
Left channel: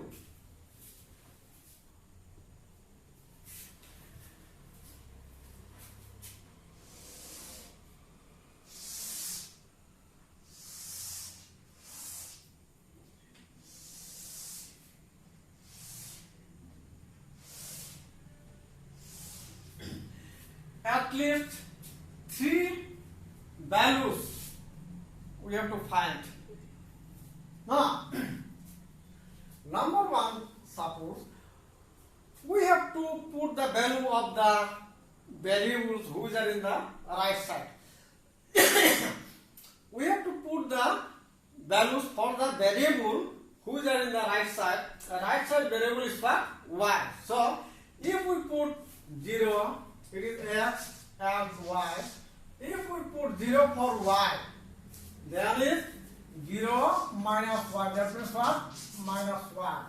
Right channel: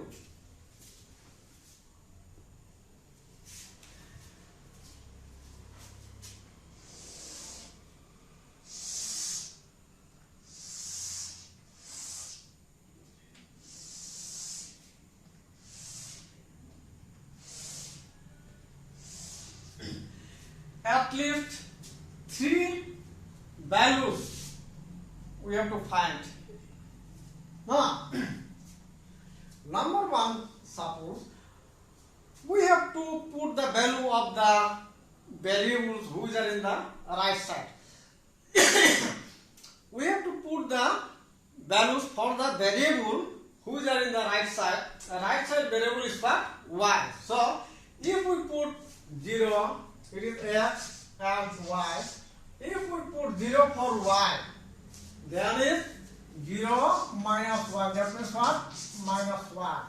At least 3 values we have to find. Now, number one, suppose we have to put the value of the variables which are in the right side. We have to put the values for the variable which are in the right side. The right side variable is for y. So, if we put 0, it is x and y. If we put 0 for y, then is 0 minus 1. That means what? Minus 1.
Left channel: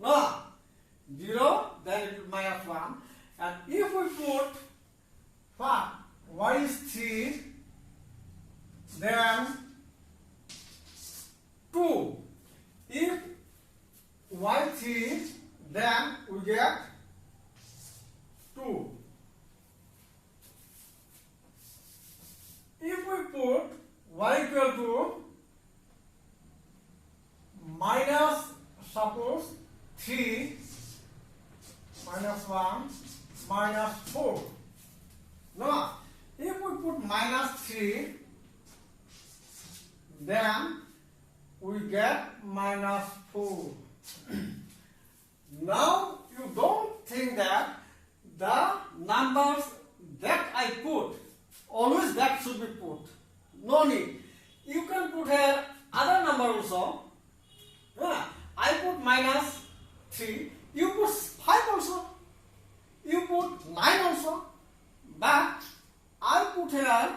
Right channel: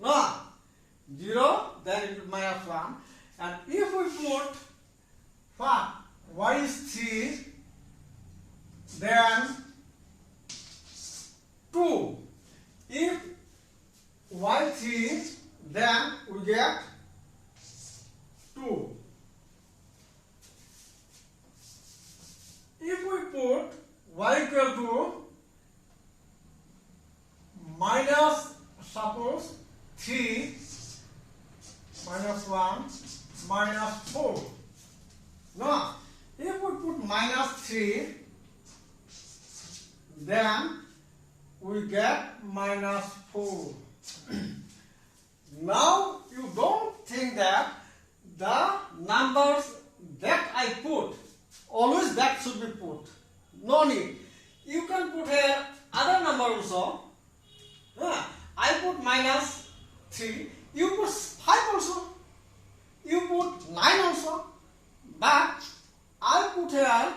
No. 0, then it is minus 1. And if we put what? Y is 3, then 2. If y3, then we get 2. If we put y equal to minus, suppose 3, minus 1, minus 4. No, if we put minus 3, then we get minus 4. Now you don't think that the numbers that I put, always that should be put. No need. You can put here other number also. I put minus 3. You put 5 also. You put 9 also. But I put here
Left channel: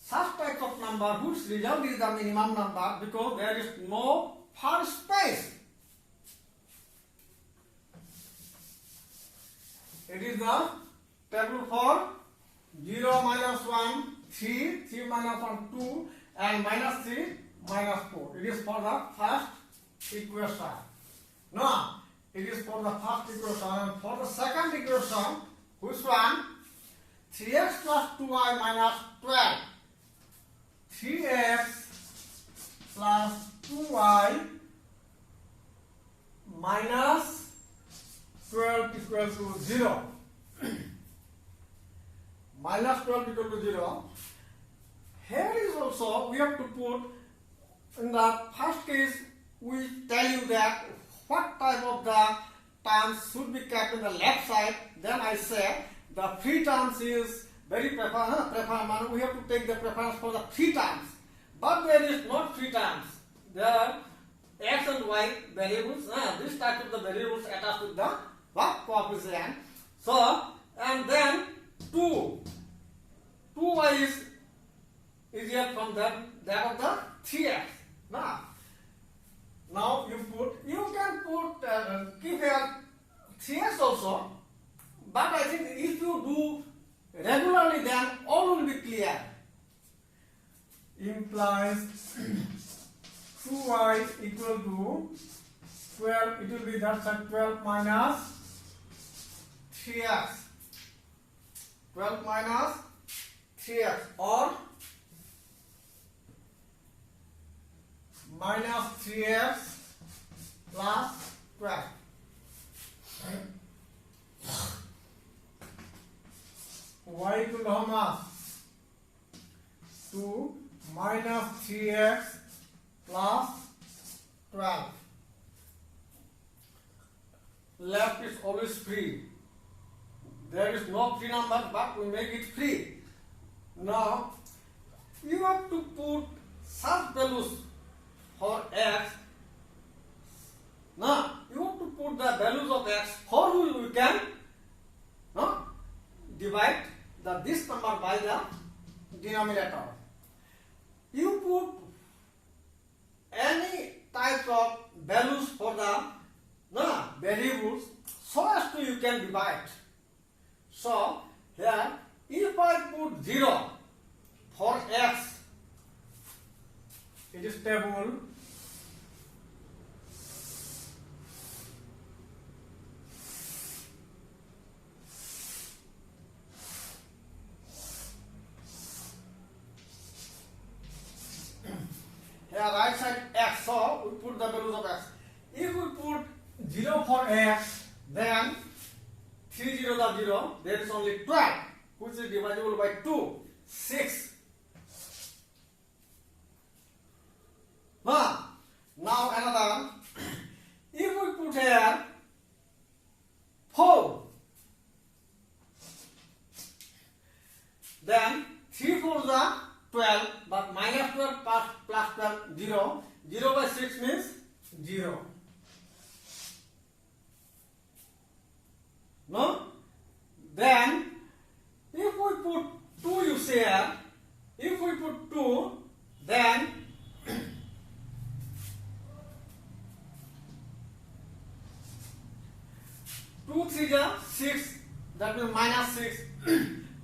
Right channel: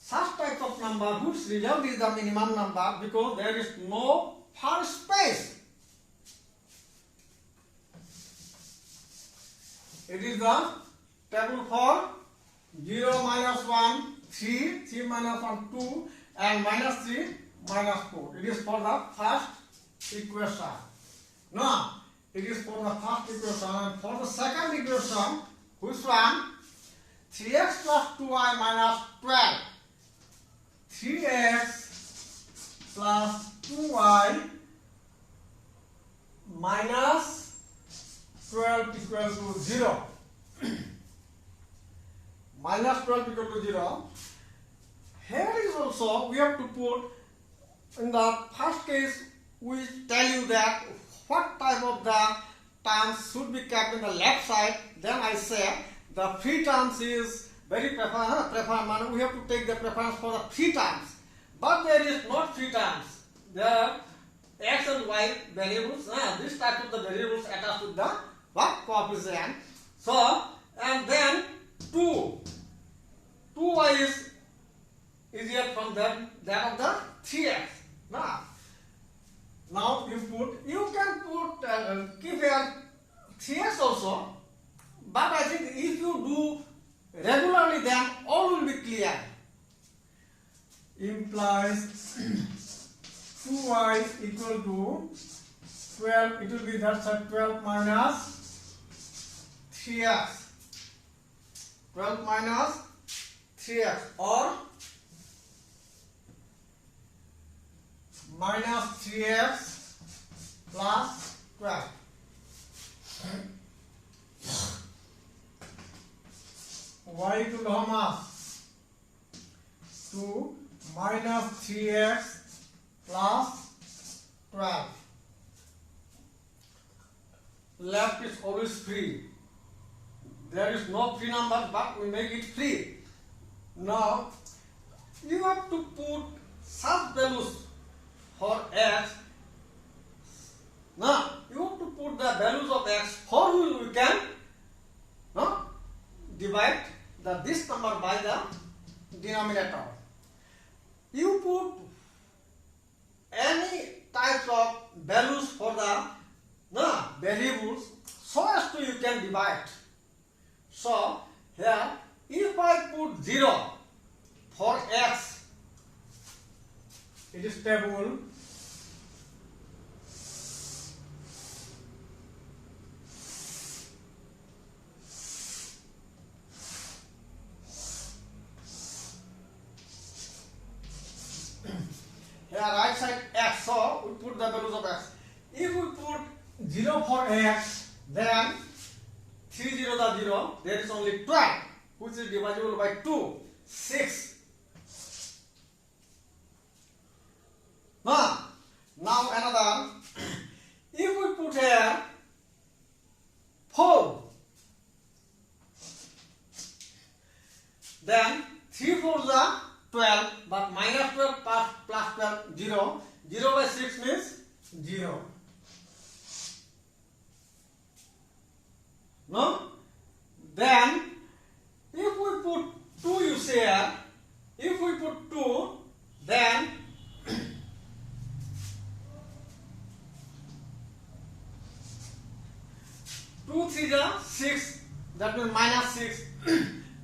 such type of number whose result is the minimum number because there is no first space. It is the table for 0, minus 1, 3, 3 minus 1, 2, and minus 3, minus 4. It is for the first equation. Now, it is for the first equation. And for the second equation, which one? 3x plus 2y minus 12. 3x plus 2y minus 12 equals to 0. Minus 12 equal to 0. Here is also, we have to put, in the first case, we tell you that what type of the terms should be kept in the left side. Then I say the free terms is very preferred. We have to take the preference for the free terms. But there is not free terms. There are x and y variables. This type of the variables attached with the what coefficient. So, and then 2y is easier from that of the 3x. Now you can put keep here 3x also, but I think if you do regularly, then all will be clear. Implies 2y equal to 12. It will be that side 12 minus 3x. 12 minus 3x or minus 3x plus 12. Y equal to how much? 2 minus 3x plus 12. Left is always free. There is no free number, but we make it free. Now, you have to put such values for x. Now, you have to put the values of x for which we can divide this number by the denominator. You put any type of values for the variables so as to you can divide. So, here, if I put 0 for x, it is table. Here right side x, so we put the values of x. If we put 0 for x, then 3 0 the 0, there is only 12, which is divisible by 2, 6. Now another, if we put here 4, then 3 4s are 12, but minus 12 plus 12, 0. 0 by 6 means 0. No? Then, if we put 2, you say here, if we put 2, then 2 3 is 6, that means minus 6.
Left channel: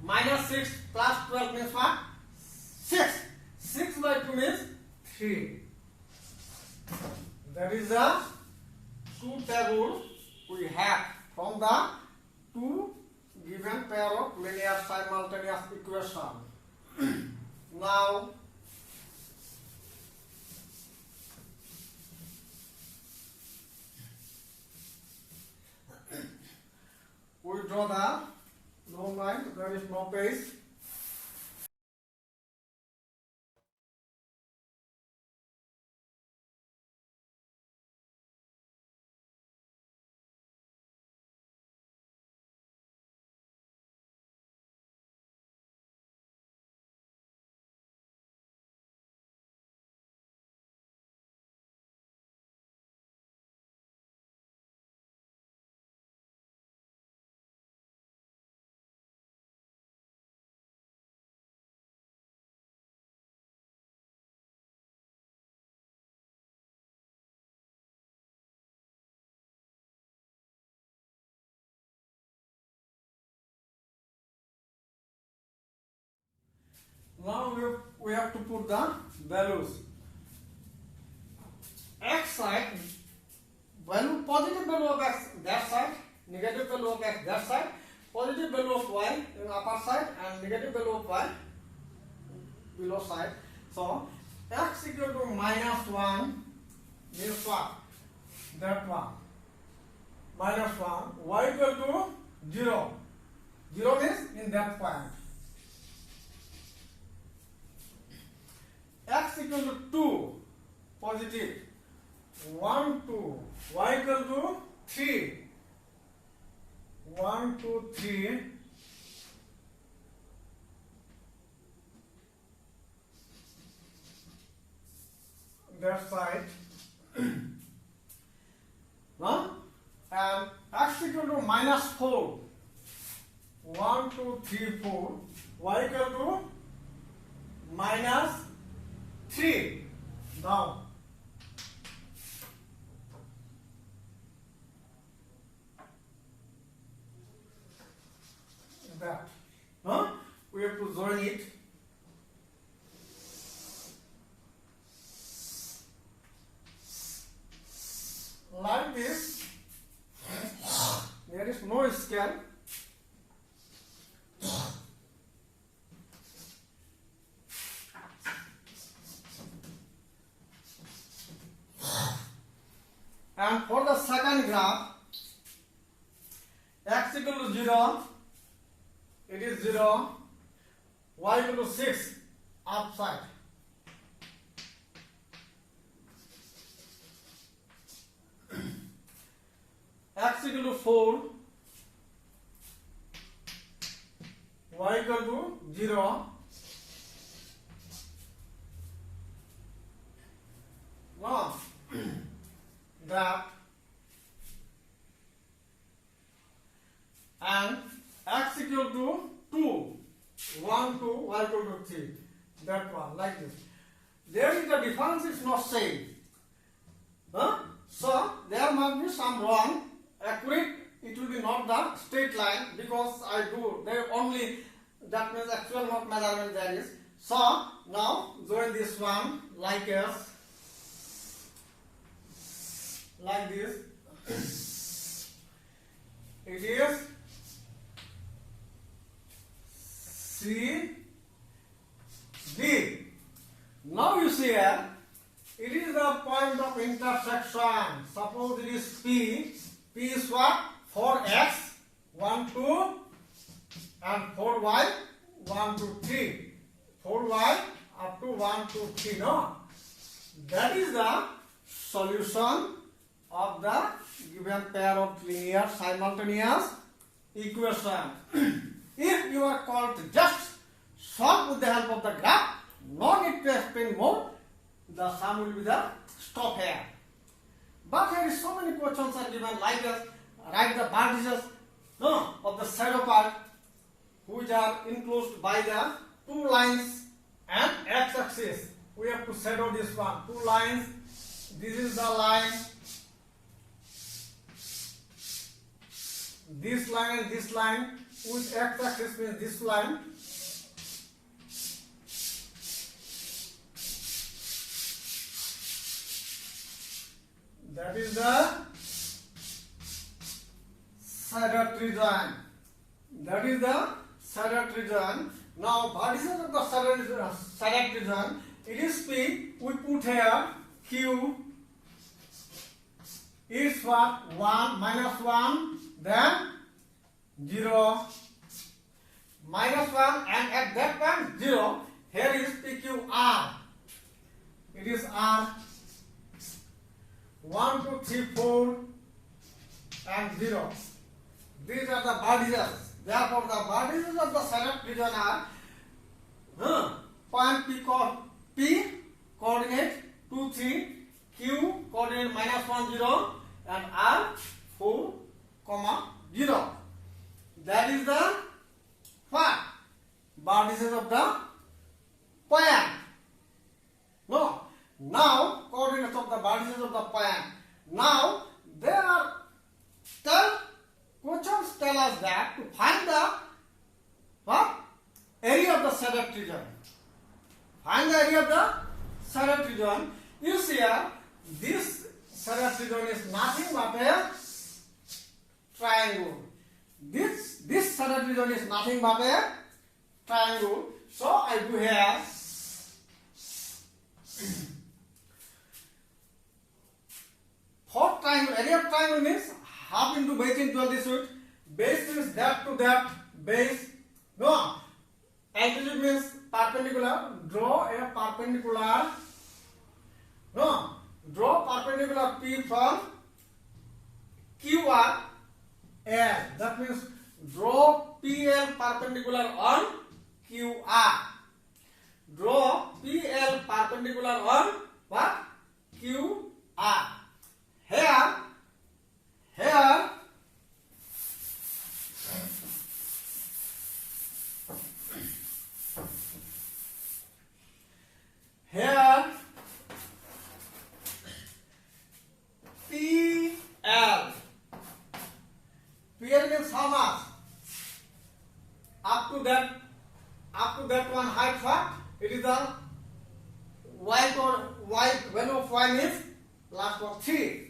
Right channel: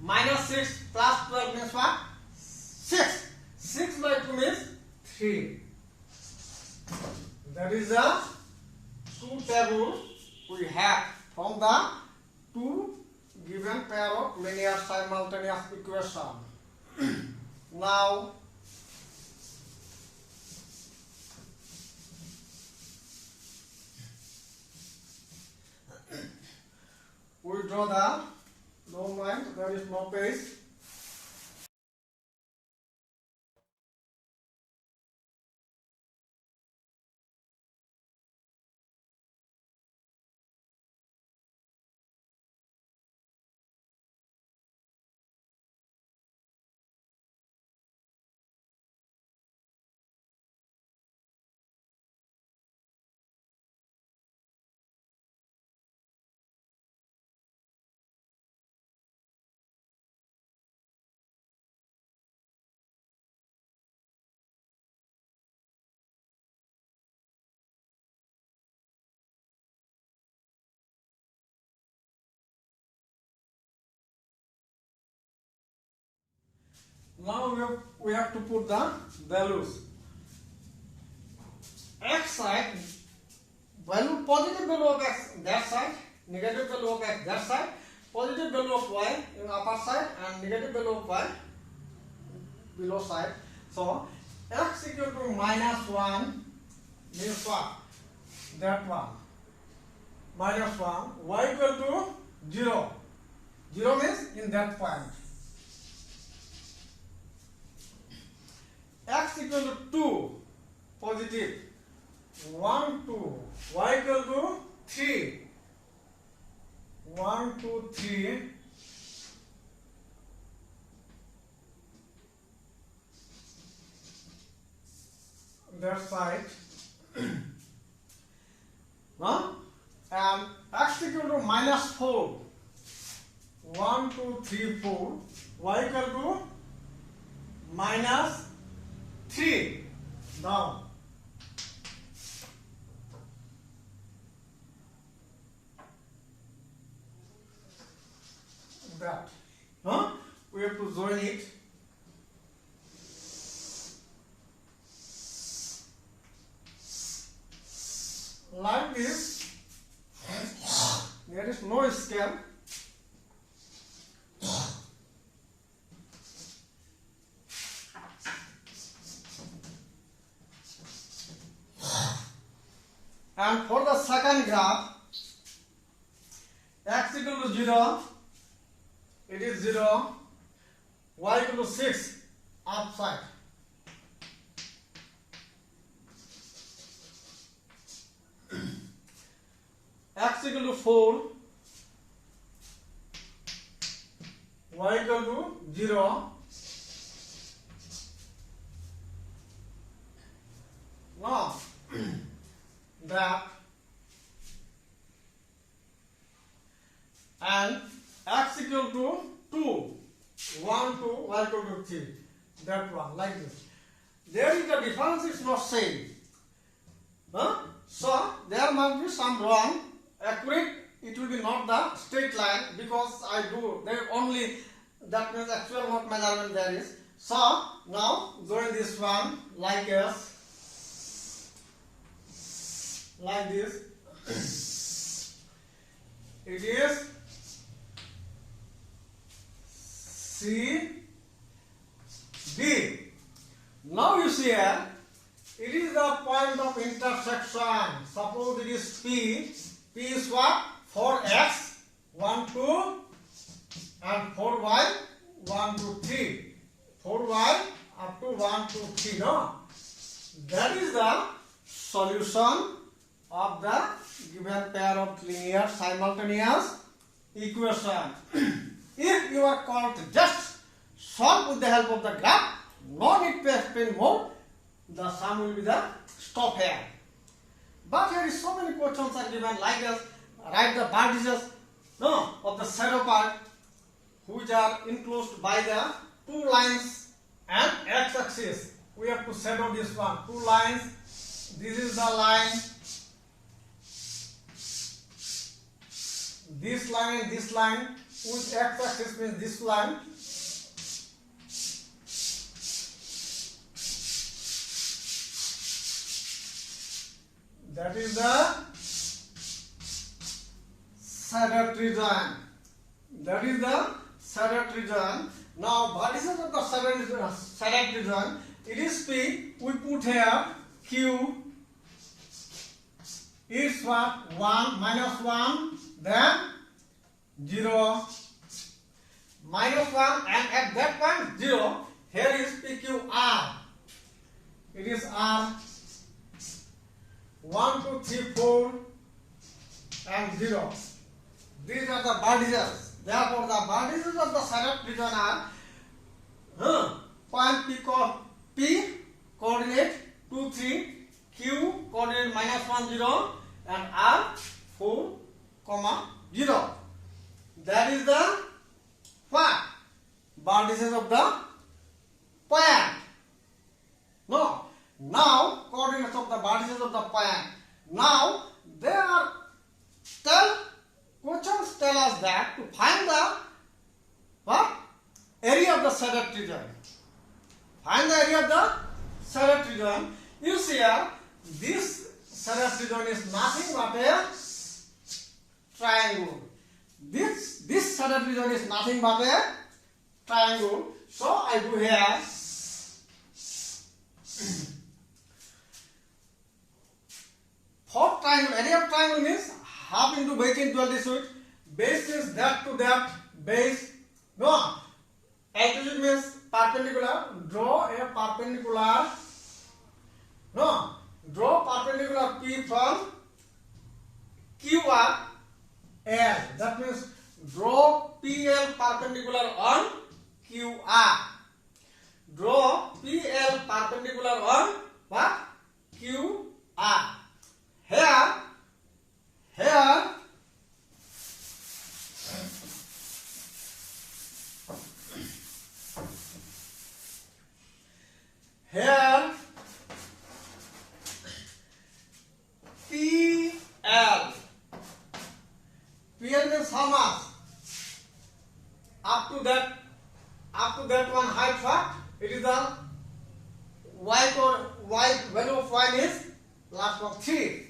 Minus 6 plus 12 means what? 6. 6 by 2 means 3. That is the two tables we have from the two given pair of linear simultaneous equation. Now, we draw the long line. There is no page. Now we have to put the values. X side, value positive value of x that side, negative value of x that side, positive value of y in upper side and negative value of y below side. So x equal to -1 means what? That one. -1. Y equal to 0. 0 means in that point. X equal to 2. Positive. 1, 2. Y equal to 3. 1, 2, 3. That side. Huh? And x equal to -4. 1, 2, 3, 4. Y equal to -3. Down. That. Huh? We have to join it. Like this. There is no scale. And for the second graph, x equal to 0, it is 0, y equal to 6, upside. X equal to 4, y equal to 0. Now, that and x equal to 2, 1, 2, y equal to 3. That one, like this. There is the difference is not same. Huh? So there must be some wrong. Accurate, it will be not the straight line because I do there only, that means actual not measurement there is. So now join this one like this. Like this. It is C D. Now you see here, it is the point of intersection. Suppose it is P. P is what? 4x, 1, 2, and 4y, 1, 2, 3. 4y up to 1, 2, 3. No? That is the solution of the given pair of linear simultaneous equation. If you are called to just solve with the help of the graph, no need to explain more, the sum will be the stop here. But here is so many questions are given like this. Write the vertices of the shadow part which are enclosed by the two lines and x-axis. We have to shadow this one. Two lines. This is the line. This line and this line. With x-axis means this line. That is the shaded region. That is the shaded region. Now, vertices of the shaded region, it is P. We put here Q is what? 1, -1, then 0, -1, and at that point 0. Here is PQR. It is R. 1, 2, 3, 4, and 0. These are the vertices. Therefore, the vertices of the shaded region are point P coordinate 2, 3, Q coordinate -1, 0, and R 4, 0. That is the what? Vertices of the point. No. Now, coordinates of the vertices of the point. Now, questions tell us that to find the what? Area of the shaded region. Find the area of the Sadat region. You see here, this Sadat region is nothing but a triangle. This Sadat region is nothing but a triangle. So I do here fourth triangle. Area of triangle means half into base into altitude. Base is that to that base. No. Altitude means perpendicular. Draw a perpendicular. No. Draw perpendicular P from QR L. That means draw PL perpendicular on QR. Draw PL perpendicular on what? QR. Here PL means how much? Up to that one height, what? It is the y value of y is last one 3.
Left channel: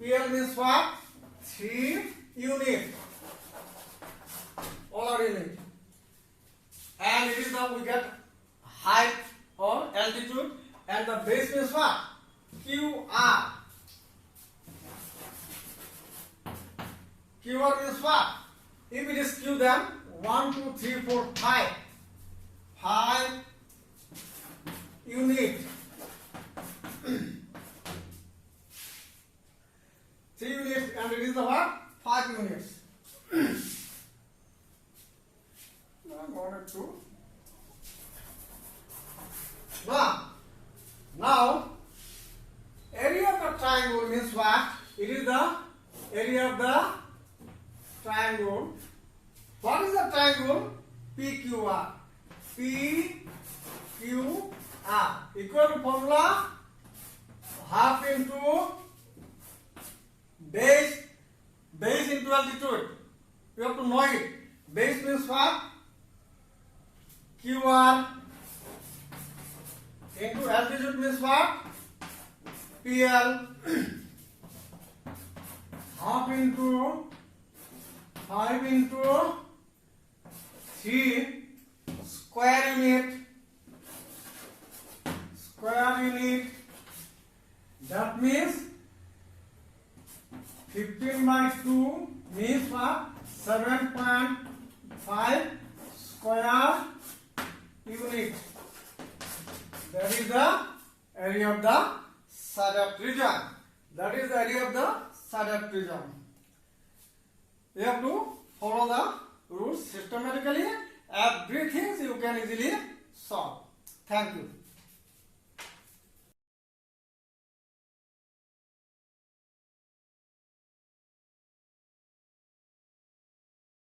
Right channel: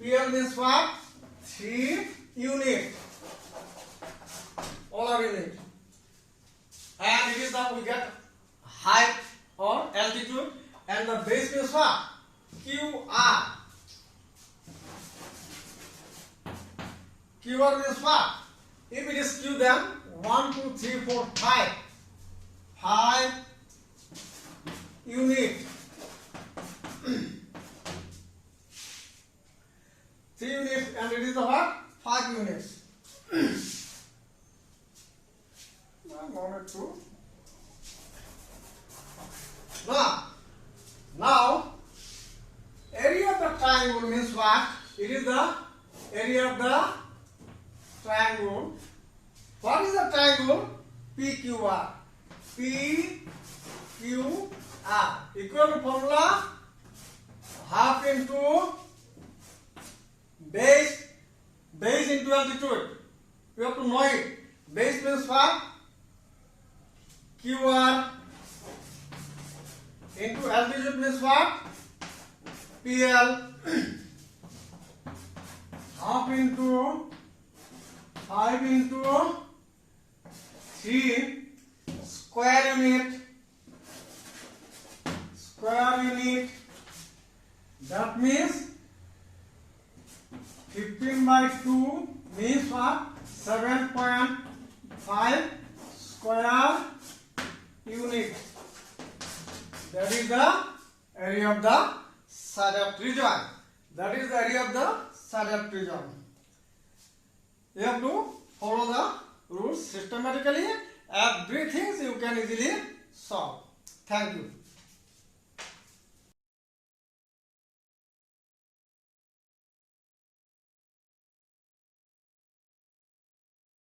PL means what? 3 unit. All are unit. And it is now we get height or altitude, and the base means what? QR. QR means what? If it is Q, then 1, 2, 3, 4, 5. 5 unit. 3 units, and it is the what? 5 units. 1 and 2. Now, area of the triangle means what? It is the area of the triangle. What is the triangle? PQR. PQR equal to formula half into base into altitude. You have to know it. Base means what? QR into altitude means what? PL. Half into 5 into 3 square unit. That means 15 by 2 means what? 7.5 square unit. That is the area of the Sadat region. That is the area of the Sadat region. You have to follow the rules systematically. Everything you can easily solve. Thank you.